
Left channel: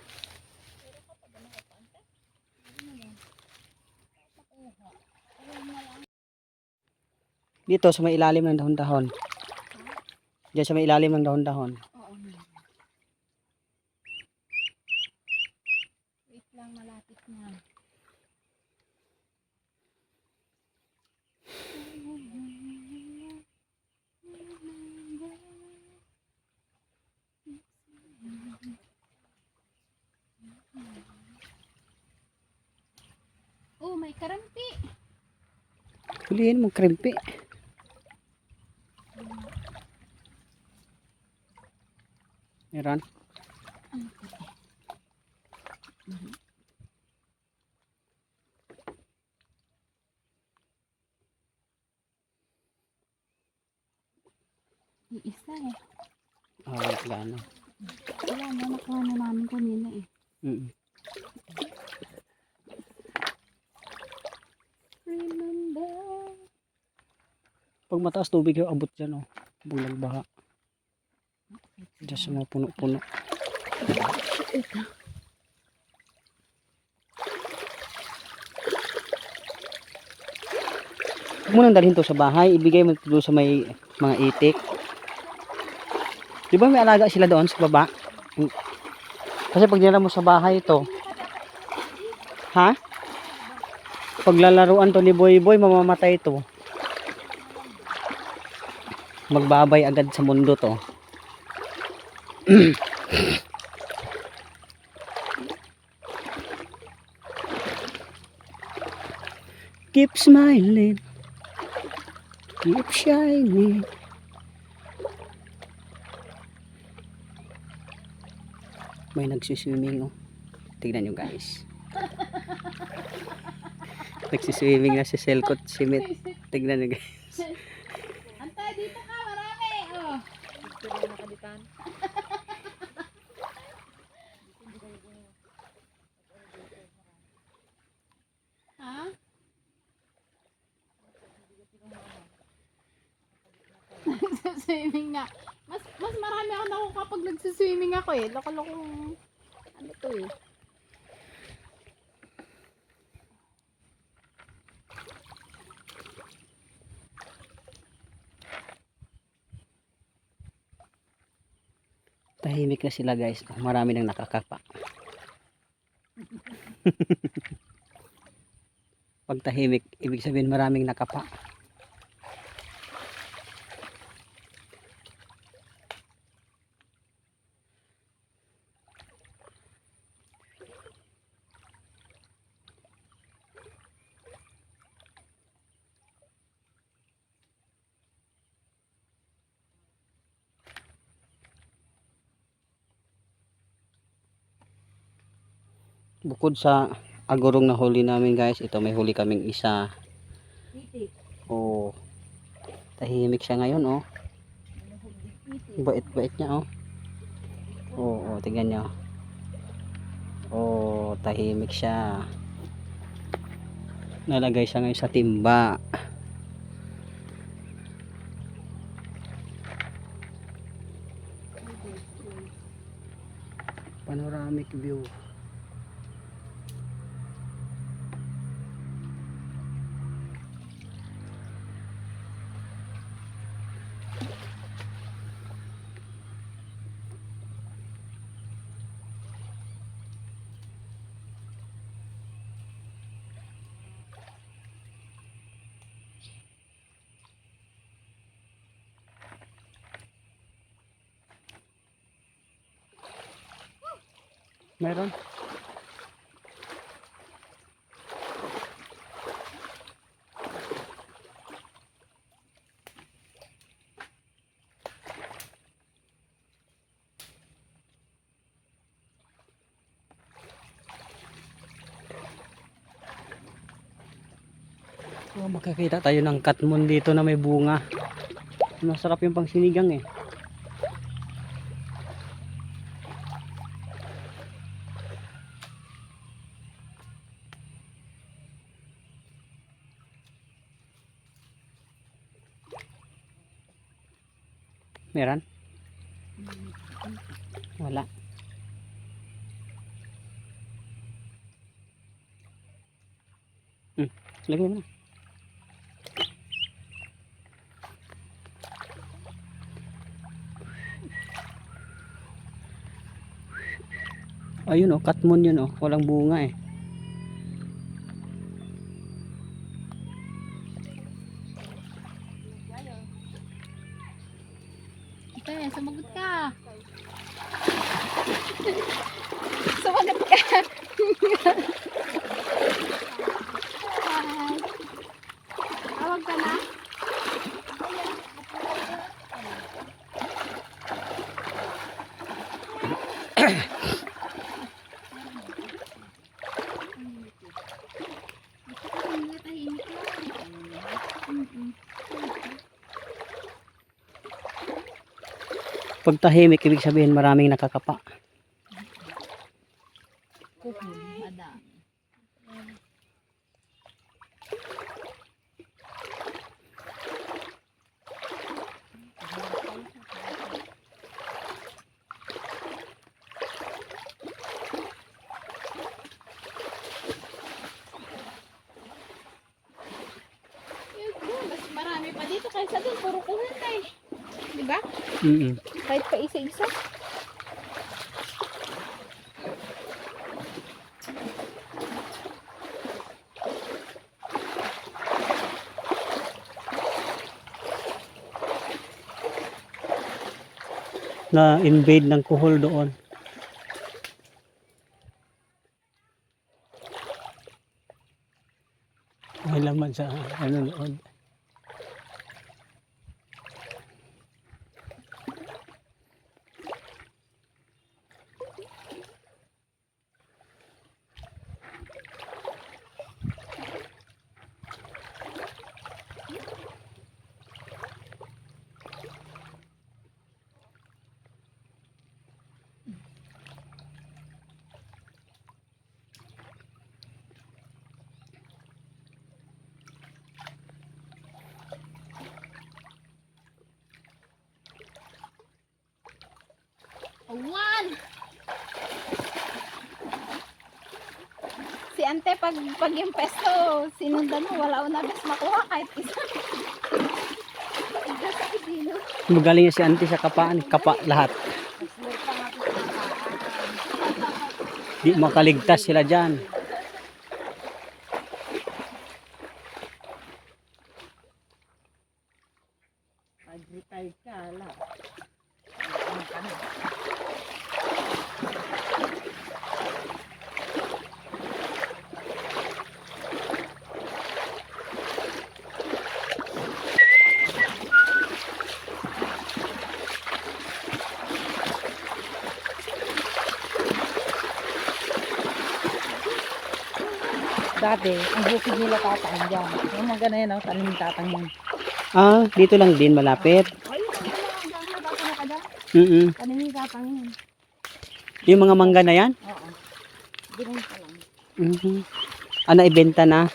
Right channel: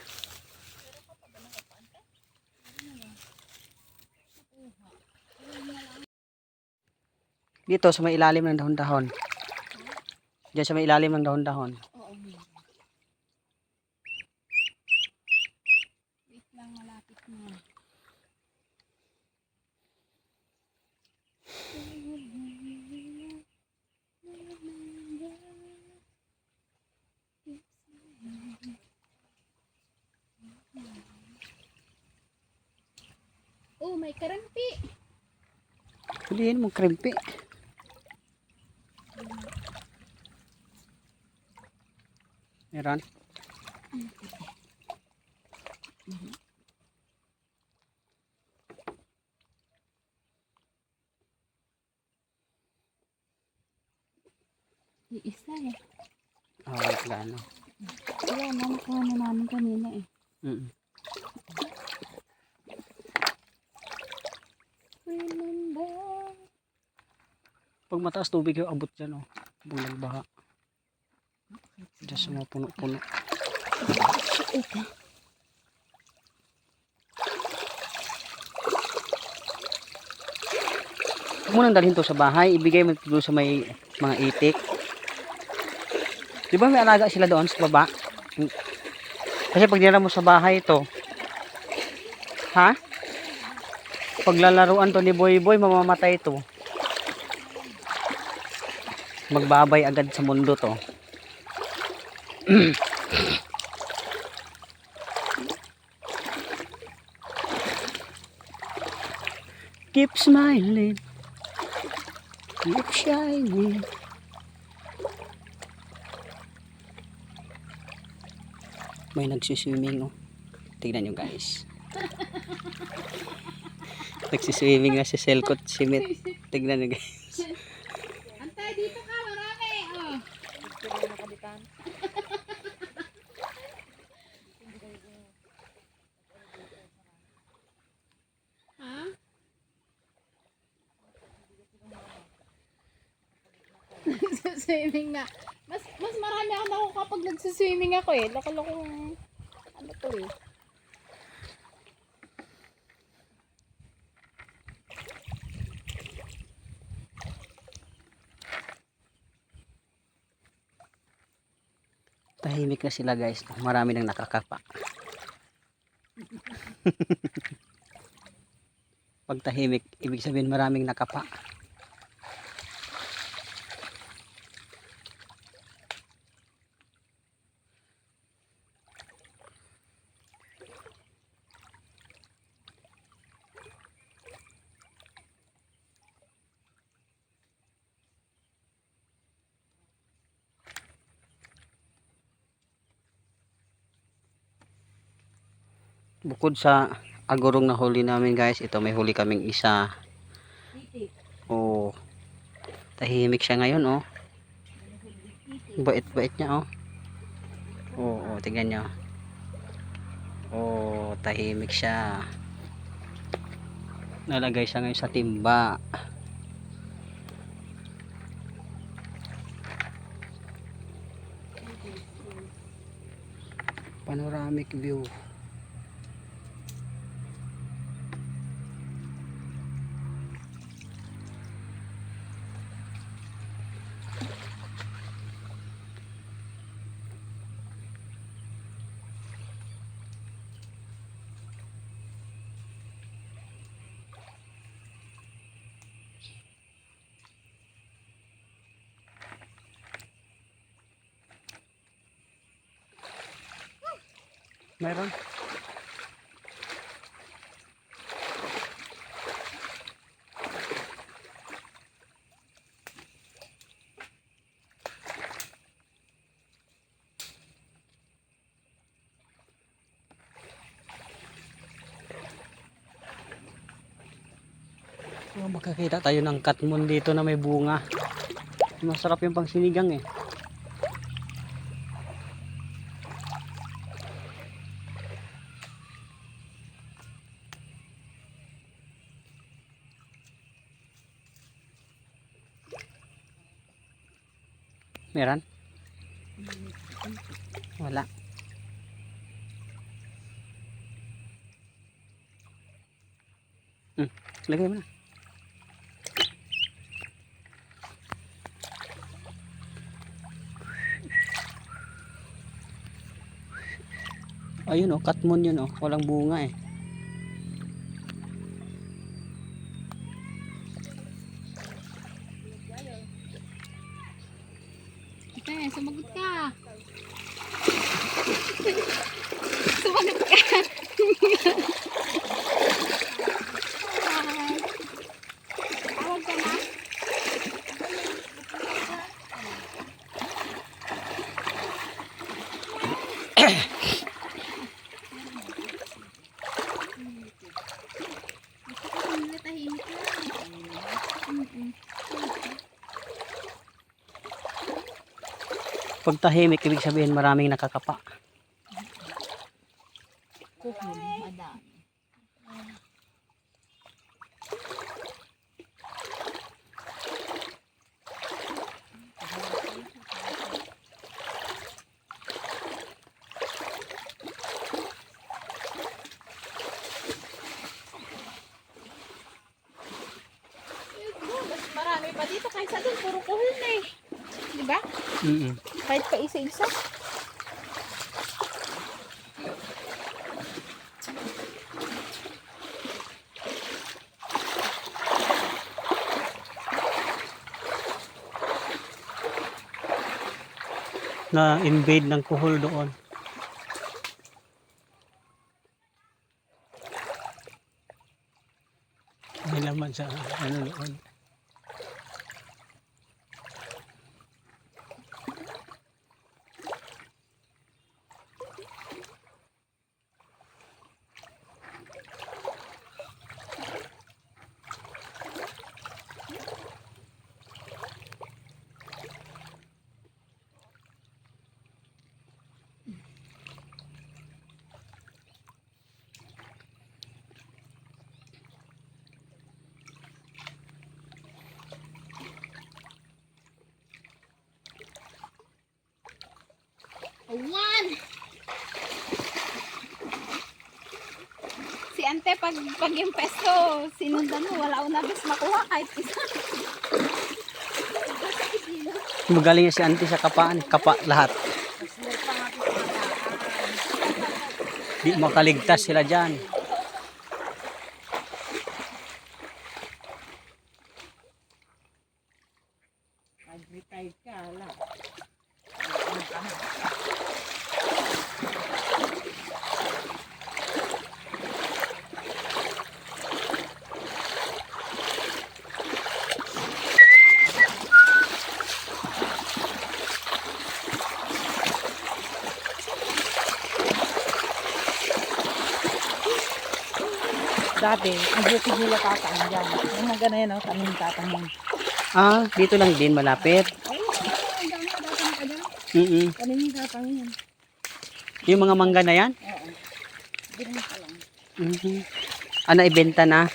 Dito sa may ilalim ng dahon-dahon. Diyan sa may ilalim ng dahon-dahon. Wait lang, malapit na. Oh, may karampi. Hulihin mo krempe. Meron. Yung isa eh. Wala na. Wala na, nakuha na namin kanina eh. Remember. Pag mataas tubig yung abot dyan, oh. Pag nagbaha. Diyan sa mga puno-puno. Huwag mo nang dalhin to sa bahay. Ibigay mo ito sa may mga itik. Di ba may alaga sila doon sa baba? Kasi pag nila mo sa bahay ito, ha? Paglalaruan to ni Boy Boy, mamamatay to. Magbabay agad sa mundo to. Keep smiling. Keep shining. May nagsiswimming, oh. Tignan nyo, guys. Nagsiswimming na si Selcott Simit. Tignan nyo, guys. Antay, dito ka, marami. Oh. Pagkira na kaditan. Ha? Nagsiswimming na. Mas marami ako nakuha kapag nagsiswimming ako eh. Loko-lokong ano to eh. Tahimik na sila, guys. Marami nang nakakapa. Pag tahimik, ibig sabihin maraming nakapa. Bukod sa agurong na huli namin guys, ito may huli kaming isa. Oh, tahimik siya ngayon oh. Bait-bait niya oh. Oh, tingnan niyo. Oh, tahimik siya. Nalagay siya ngayon sa timba. Panoramic view. Meron. Oh, makakita tayo ng katmon dito na may bunga. Masarap yung pangsinigang eh. Meron? Wala. Lagay mo na. Ayun oh, katmon yun oh. Walang bunga eh. Ate, sumagot ka. Sumagot ka. Hi. Tawag ka na. Gusto ko hindi tahimik lang. Pag tahimik, ibig sabihin maraming nakakapa. Kuhon, madami. Mas marami pa dito kaysa doon, puro kuhon na eh. Diba? Kahit pa isa-isa. Na invade ng kuhol doon. May laman sa ano doon. Awan! Si Ante, pag yung pesto, sinundan mo, wala ko na bas makuha kahit isa. Magaling si auntie sa kapaan. Kapa lahat. Di makaligtas sila dyan. May tide ka, ala. Ano ka na? Dati, ang bukid nila tatang dyan. Yung mga ganyan, no? Tanim ng tatang yun. Ah, dito lang din malapit. Ay, ang dami na tatang ka dyan. Tanim ng tatang yun. Yung mga mangga na yan? Oo. Ganun ka lang. Ah, naibenta na.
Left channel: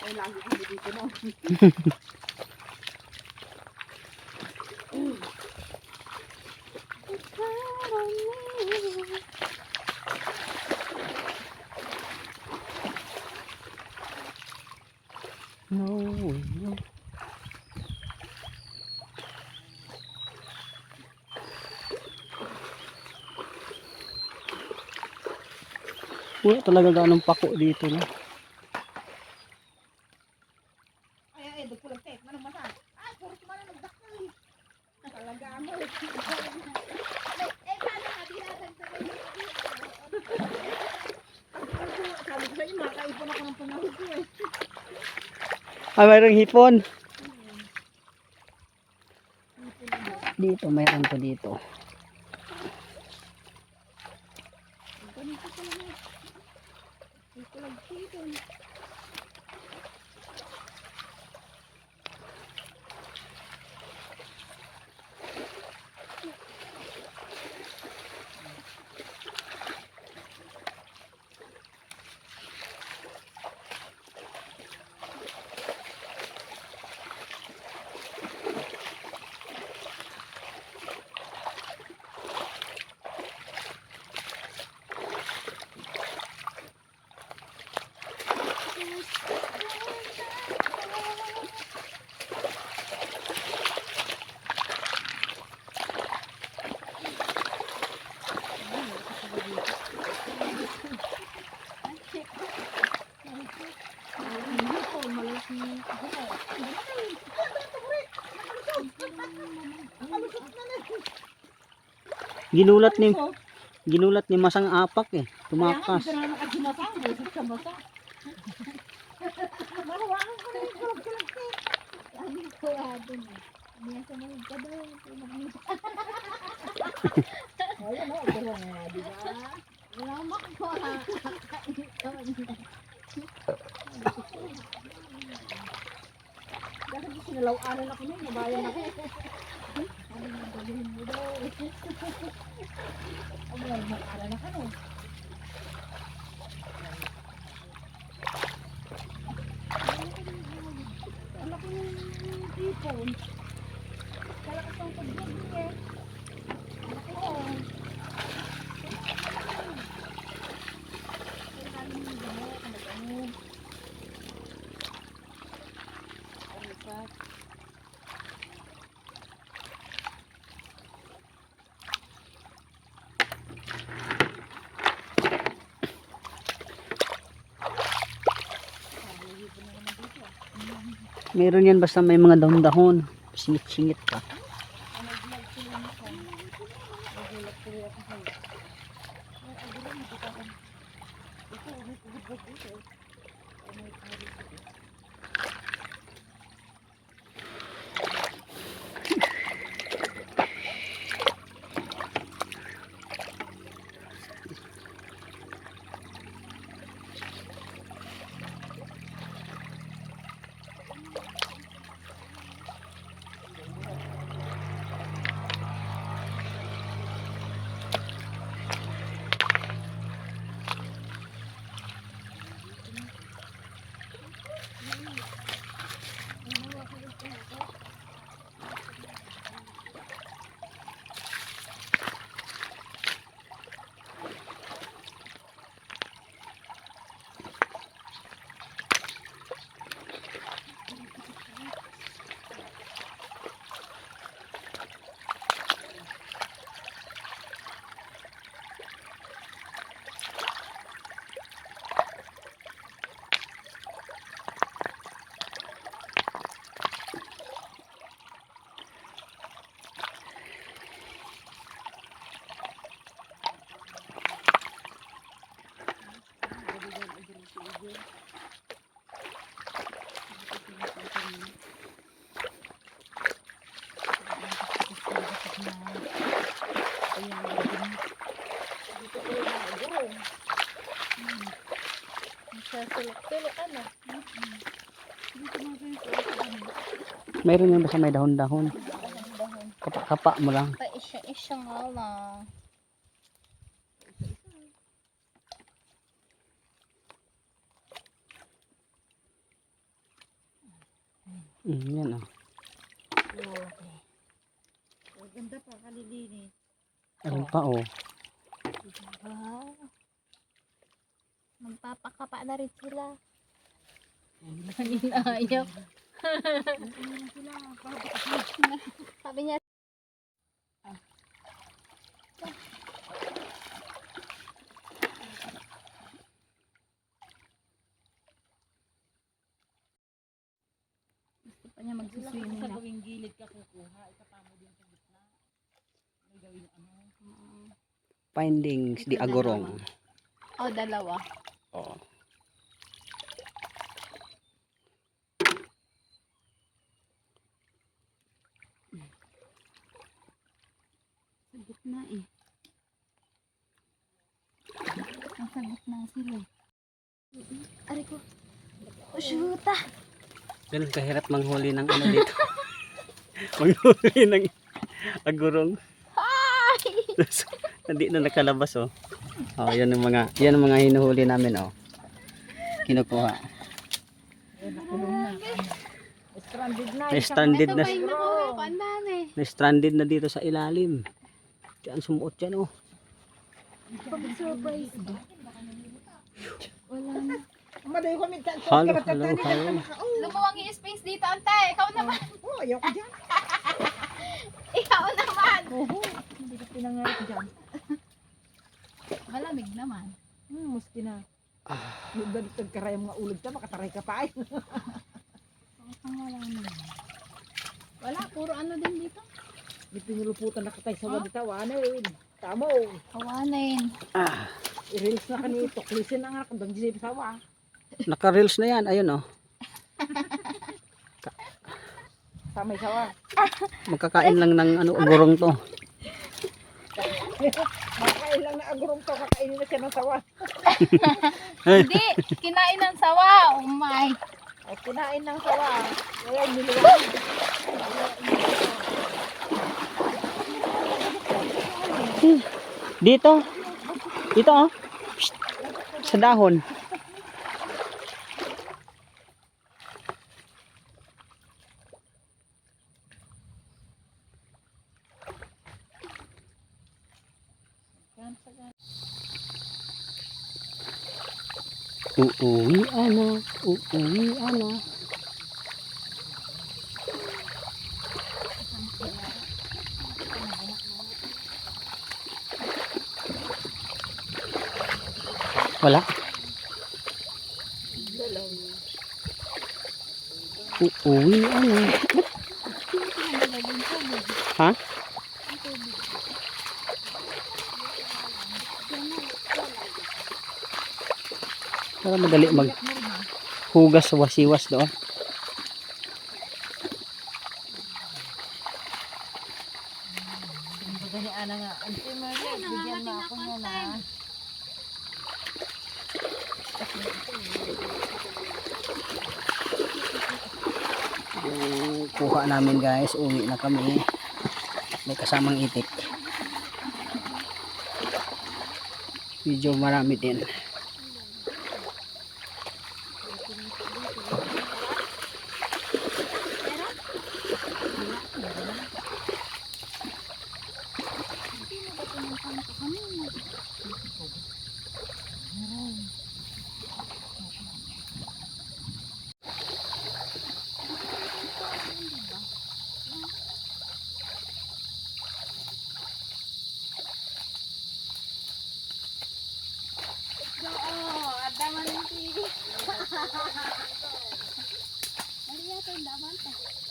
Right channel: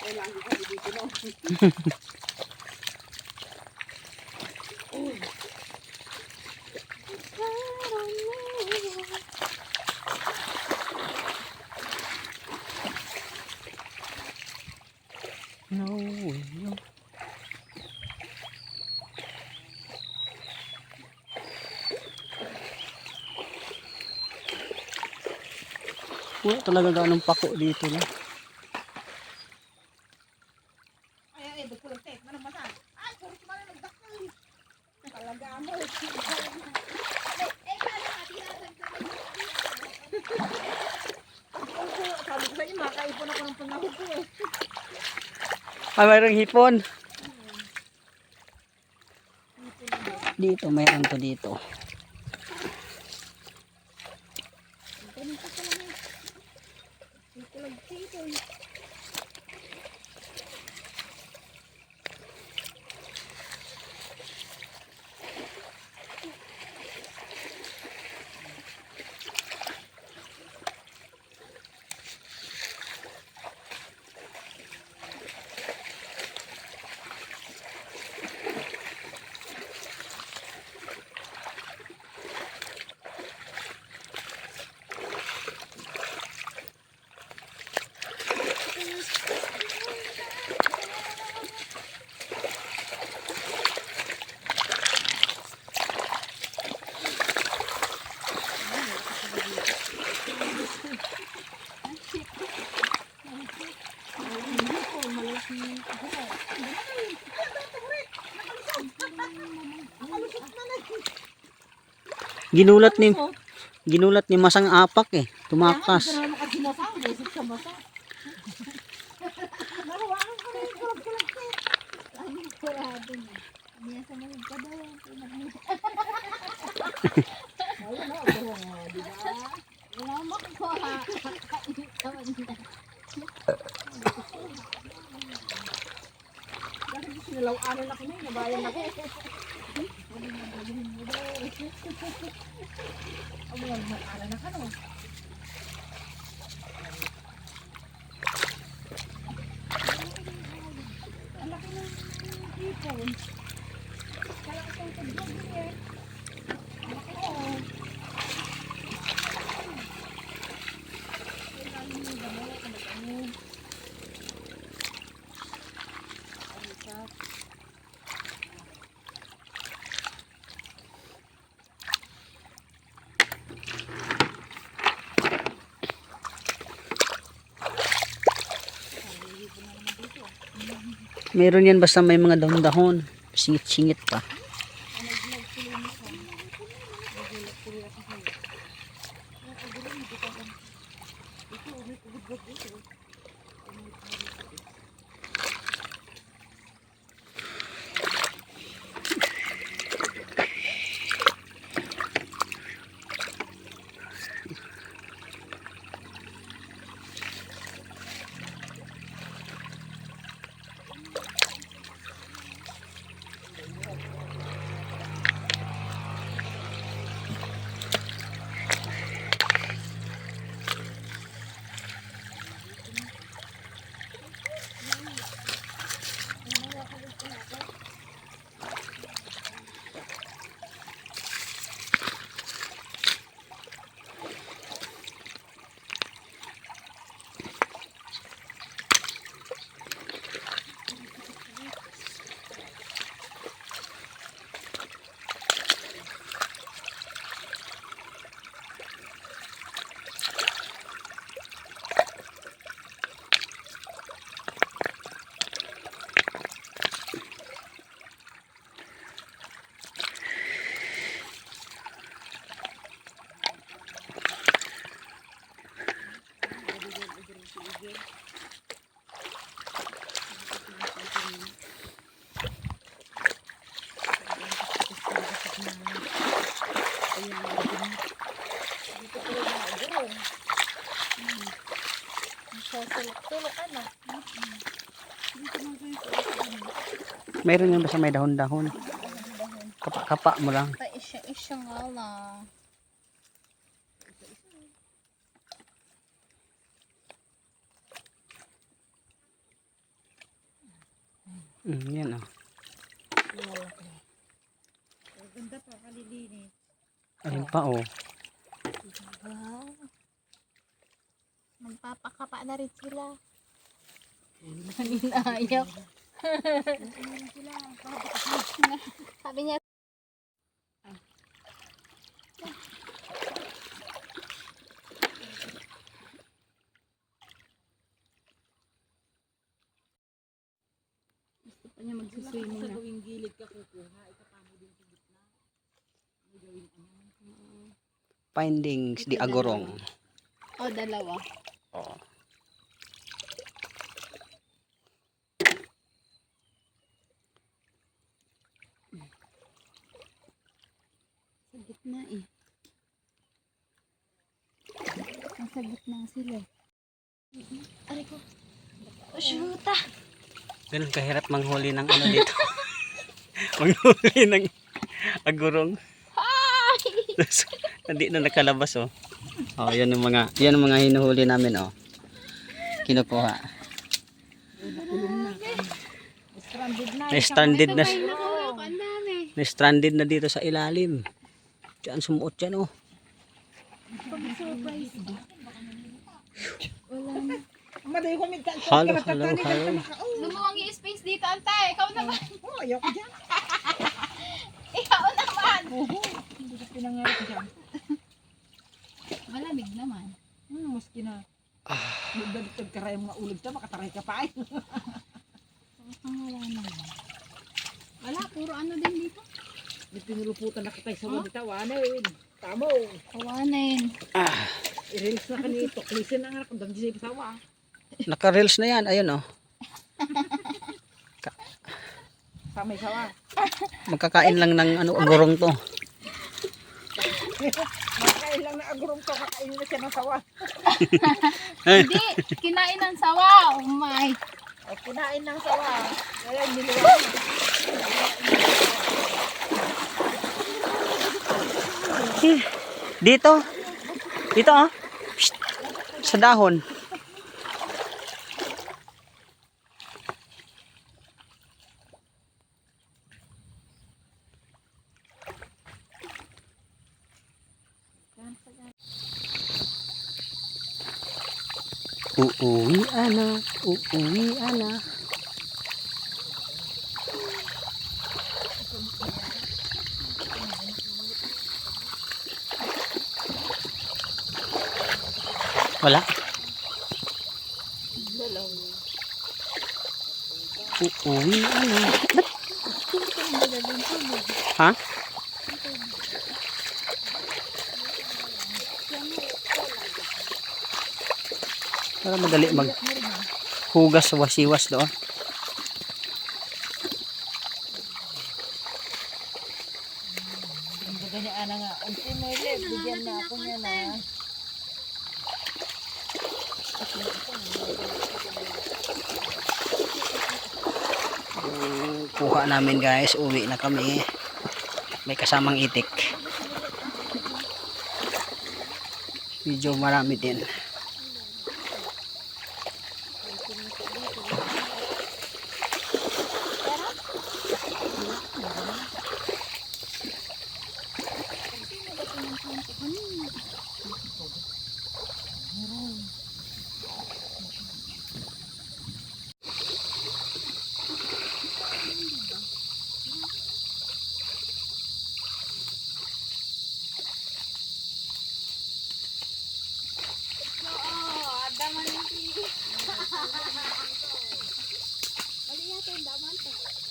Ay, lagi kami dito, no? No, no. Wala talaga ganong pako dito na. Ay, dagkulang tek. Manang mata. Ay, puro kumala nagdakal. Talaga mo. Eh, paano nga, dinadagdagan yung Sabi ko sa inyo, makaipon ako ng panahon ko eh. Ah, mayroong hipon. Dito, mayroon to dito. Ginulat ni Masang Apak eh. Tumakas. Kaya nga, hindi ko na nakadinapang. Basic sa mata. Mahawakan ko na yung kulag-kulag tek. Ano kurado na. Niya sa mga ka daw. Ayun o, ito nga, di ba? Lamak ko ha. Kakain ka man na. Dahil sinalaw-anan ako nun, nabayan ako. Ano nga gawin mo daw. Ang mga mag-anan na ka no. Ang laki ng hipon. Kalakas ng pagbabi eh. Ang laki o. Kailangan mo ba mo? Ano? Ano pa? Meron yan basta may mga dahon-dahon. Singit-singit pa. Sulok-sulok ano. Mayroon yan basta may dahon-dahon. Kapa-kapa mo lang. Pa isya nga lang. Yan oh. Ganda pa, kalilinis. Ayun pa oh. Wow. Magpapakapa na rin sila. Ayaw. Sabi niya. Gusto pa niya magsiswimming na. Sa gilid ka kukuha, itapamo din sa gitna. May gawin ano. Findings di Agorong. Oh, dalawa. Oh. Sa gitna eh. Nasa gitna sila. Aray ko. Oh, shoota! Ganun kahirap manghuli ng ano dito. Manghuli ng agurong. Hindi na nakalabas oh. Oh, yan ang mga hinuhuli namin oh. Kinukuha. Stranded na. Na-stranded na. Ito pa yung nakuha ko. Ang dami. Na-stranded na dito sa ilalim. Diyan sumuot yan oh. Pag-surprise ba? Wala na. Maday ko minta. Halo. Lumuwang yung space dito, ante. Ikaw naman. Oh, ayaw ko dyan. Ikaw naman. Oo. Hindi ko pinangarap dyan. Malamig naman. Maski na. Balik ka rin mga ulog ka, makataray ka pa ay. Wala naman. Wala, puro ano din dito. Di pinuluputan na katay sa wadita, wanin. Tamo. Kawanin. I-release na ka nito. Klisin na nga kung dami siya sawa. Naka-reels na yan. Ayun oh. Samay sawa. Magkakain lang ng ano agurong to. Makain lang na agurong to, kakainin na siya ng sawa. Hindi, kinain ng sawa. Oh my. Ay, kinain ng sawa. Kaya niliwan. Dito. Dito oh. Psst. Sa dahon. Uuwi ana. Wala. Uuwi ana. Ha? Para madali maghugas wasiwas doon. Ganyan ana nga. Auntie Merlet, bigyan na ako niya na. Kuha namin guys, uwi na kami. May kasamang itik. Medyo marami din.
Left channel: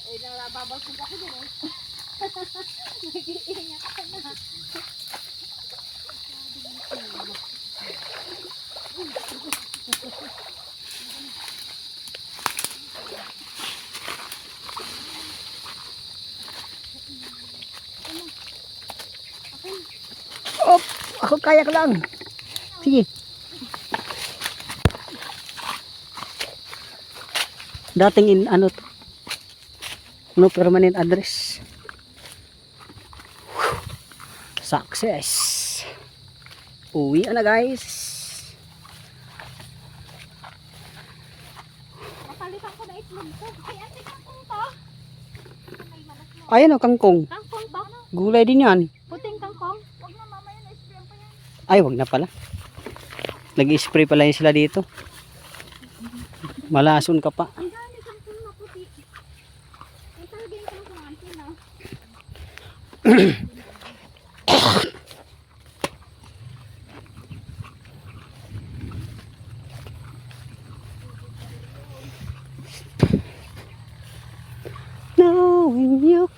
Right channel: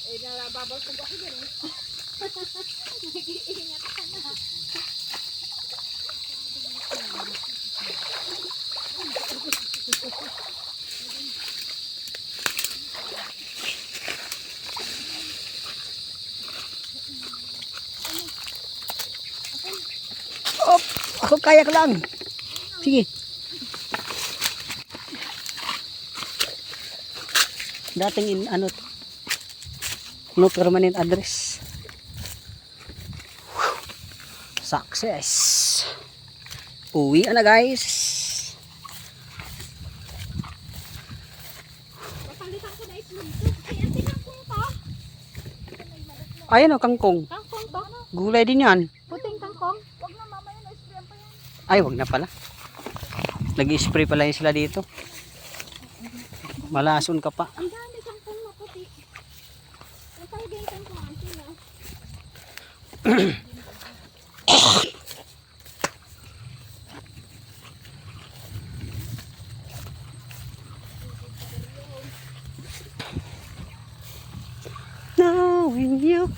Eh, nababasog ako dyan eh. Nag-iingat ka na. Ako kayak lang. Sige. Dating in ano to. No permanent address. Success. Uwi na guys. Papalitan ko na itlog to. Ay, ante kangkong to. Ayan o, kangkong. Kangkong to. Gulay din yan. Puting kangkong. Ay, wag na pala. Nag-spray pala yun sila dito. Malason ka pa. Ang dami kangkong na puti. Ay, talaga yung kangkong. Ang sila. Knowing you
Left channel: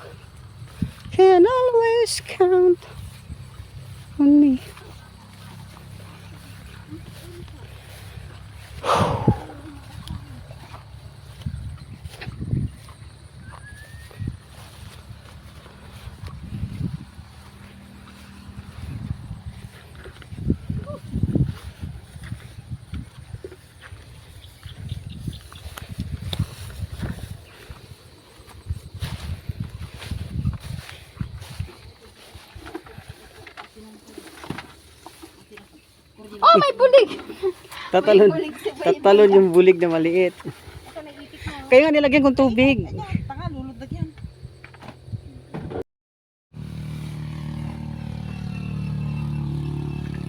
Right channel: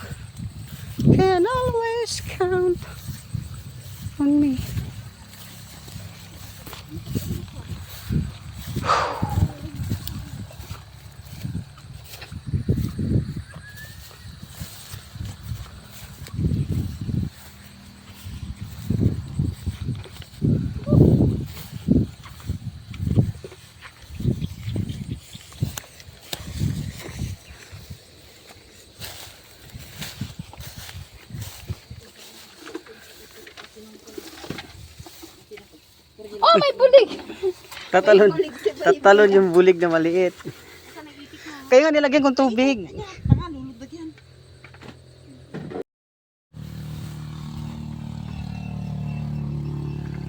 can always count on me. Oh, may bulig! Tatalon yung bulig na maliit. Kaya nga nilagyan kong tubig. Tanga, lulubdag yan.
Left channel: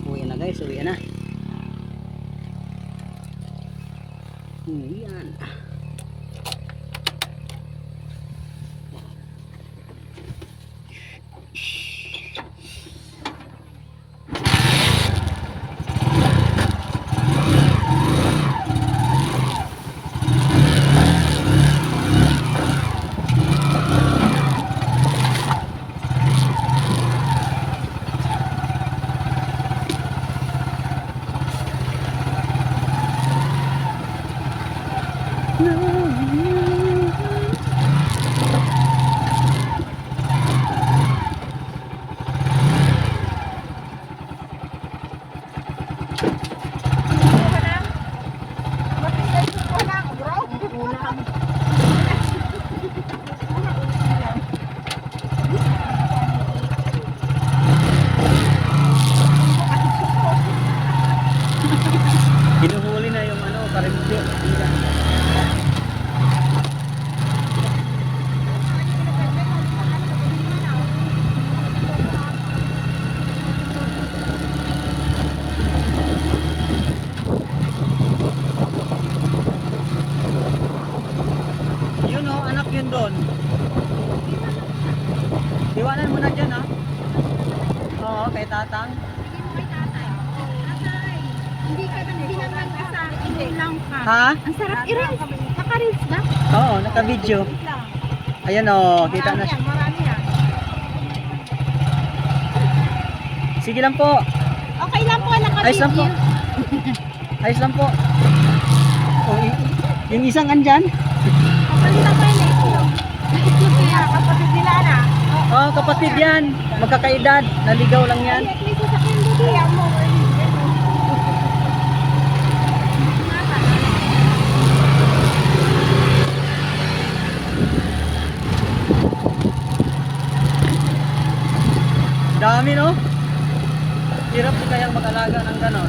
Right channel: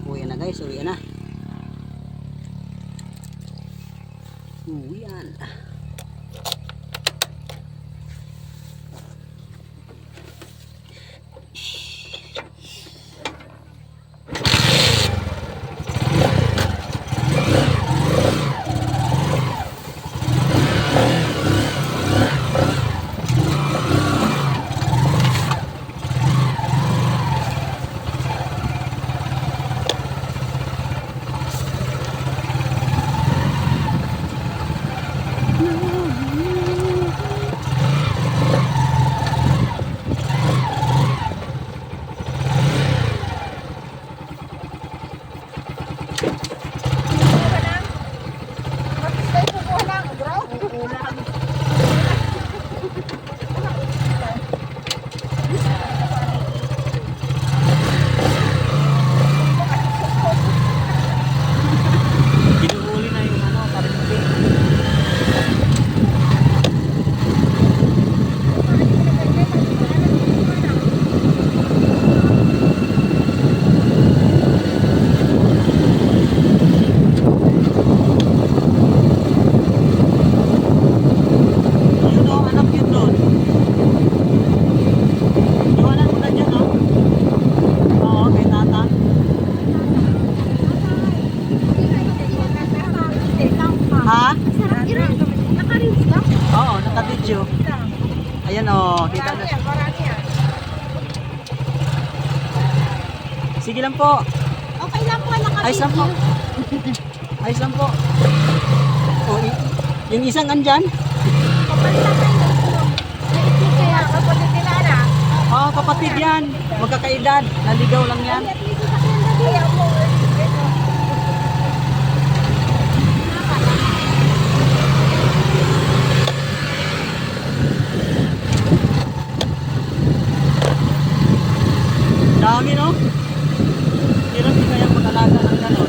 Uwi na guys, uwi na. Uwi na. Hinuhuli na yung ano, karimpi. Yun o, anak yun doon. Iwanan mo na dyan ha. Oo, kay tata. Ha? Ang sarap i-rinse. Naka-rinse ka? Oo, naka-video. Ayan o, kita na. Sige lang po. Okay lang po, naka-video. Ayos lang po. Ayos lang po. O, yung isang andyan? Kapalitan ko yung itlog. May itlog kaya. Kapatid nila na. Oo, kapatid yan. Magkakaedad. Naligaw lang yan. At least sasakyan na din. Kaya mo. Dami no? Hirap di kayang mag-alaga ng ganon.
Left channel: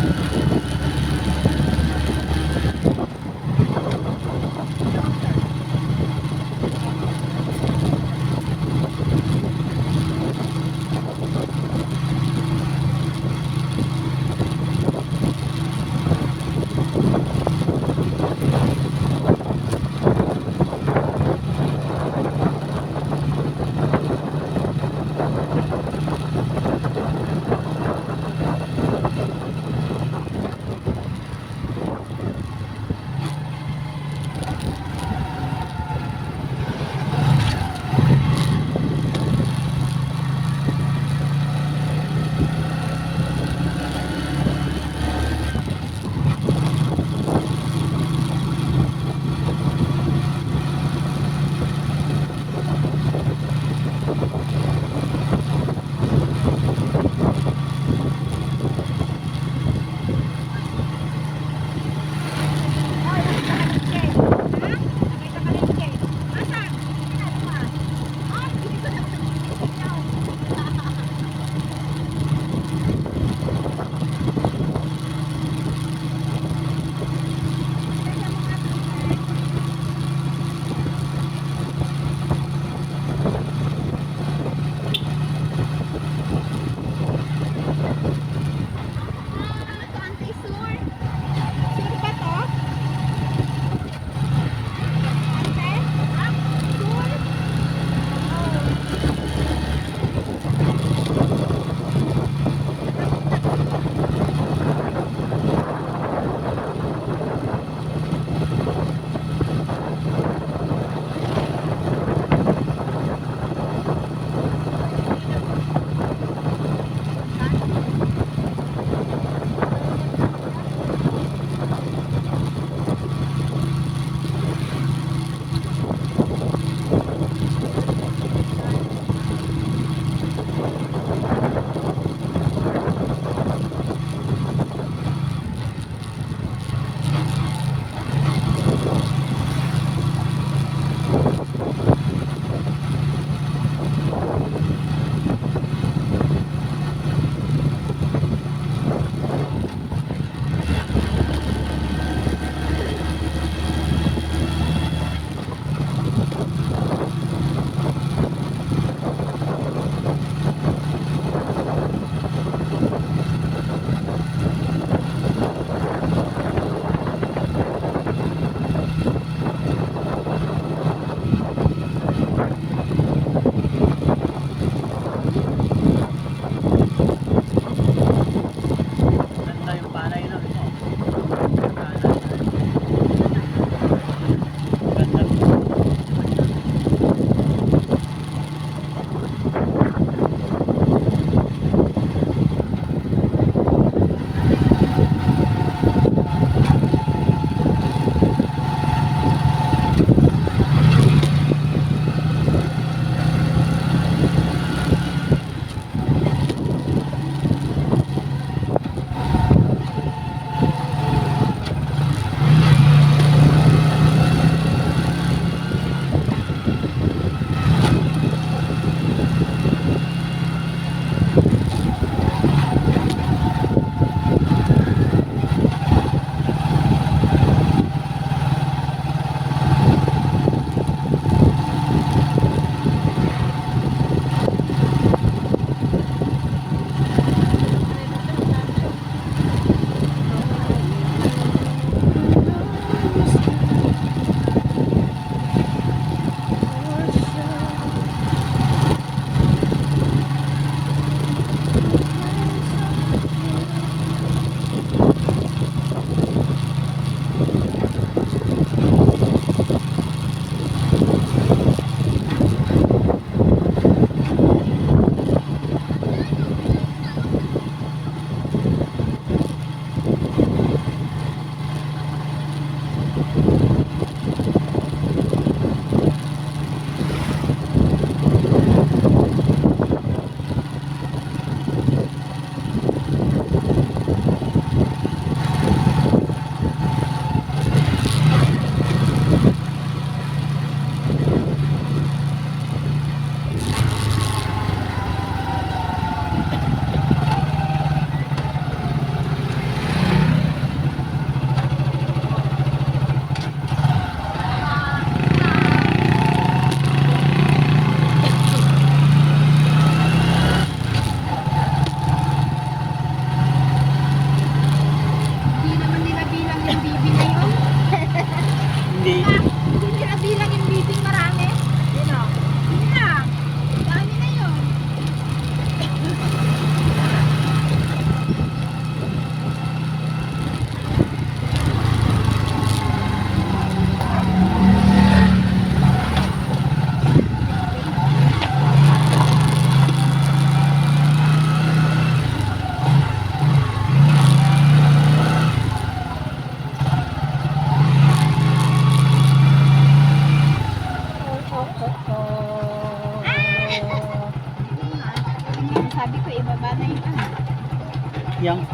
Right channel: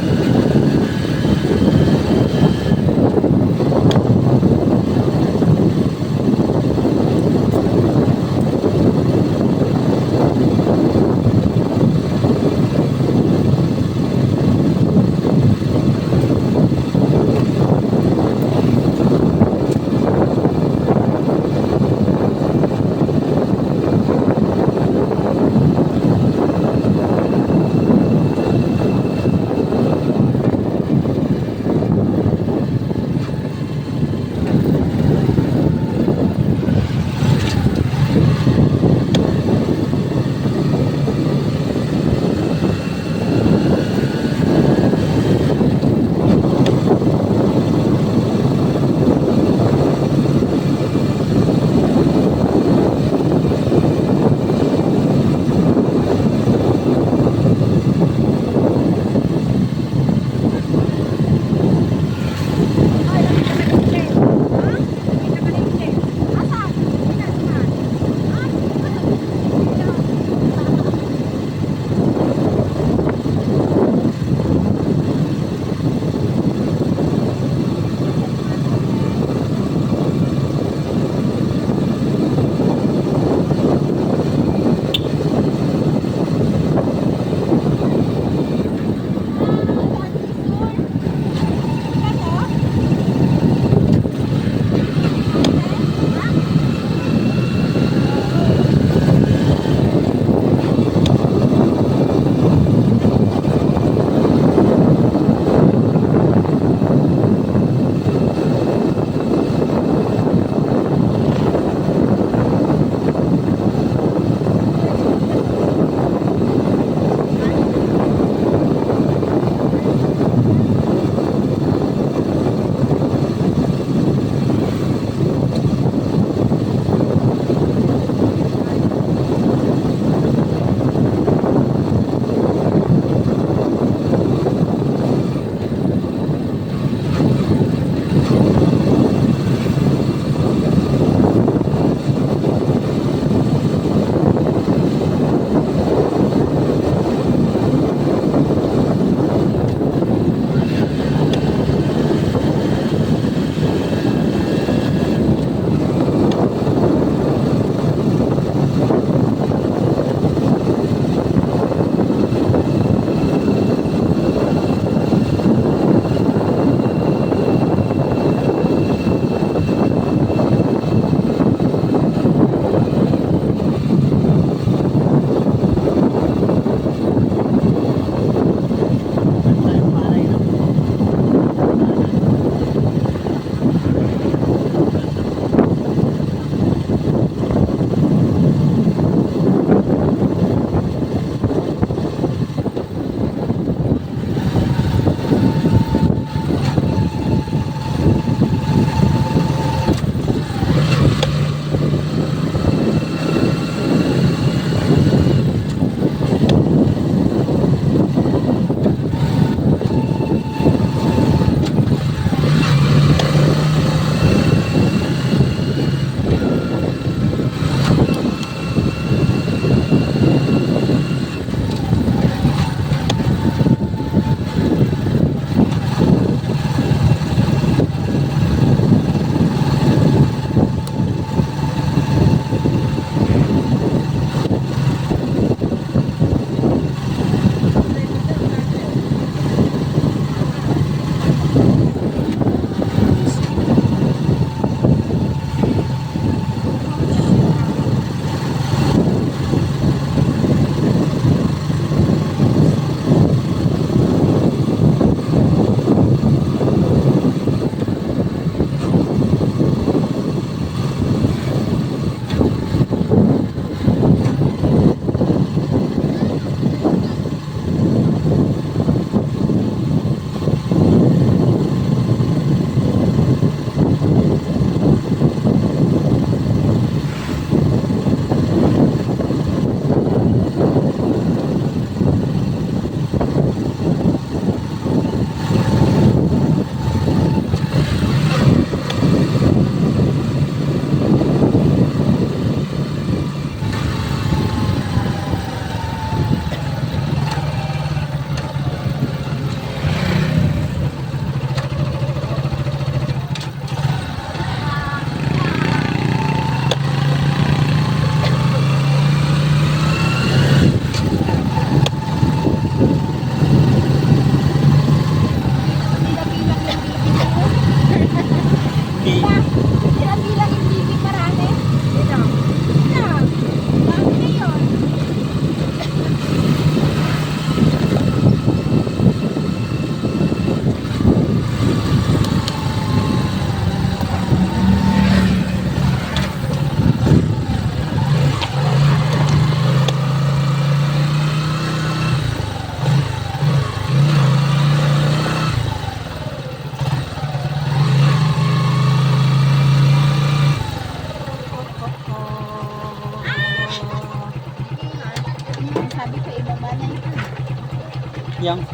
Yang.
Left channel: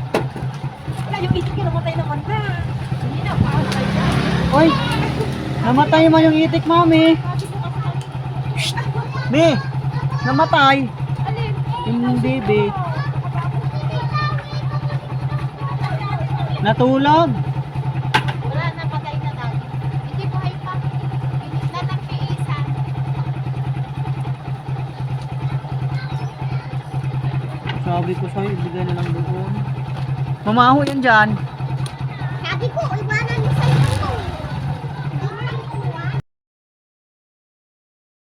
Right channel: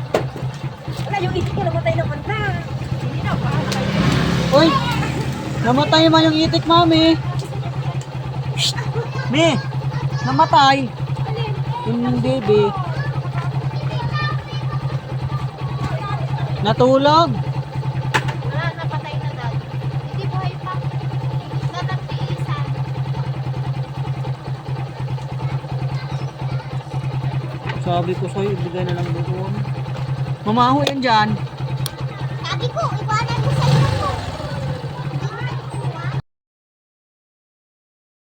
Wala yung itik ko namatay naman na. Hindi na, paano kayo? Oy! Namatay man yung itik, mami. Be! Namatay. Hindi, be. Natulog. Wala, napatay na daw. Hindi buhay pa. Nanagpiisan. Sabi ko sa'yo, ibigay na lang doon. Mamaho yan dyan. Sabi ko, iwanan mo sa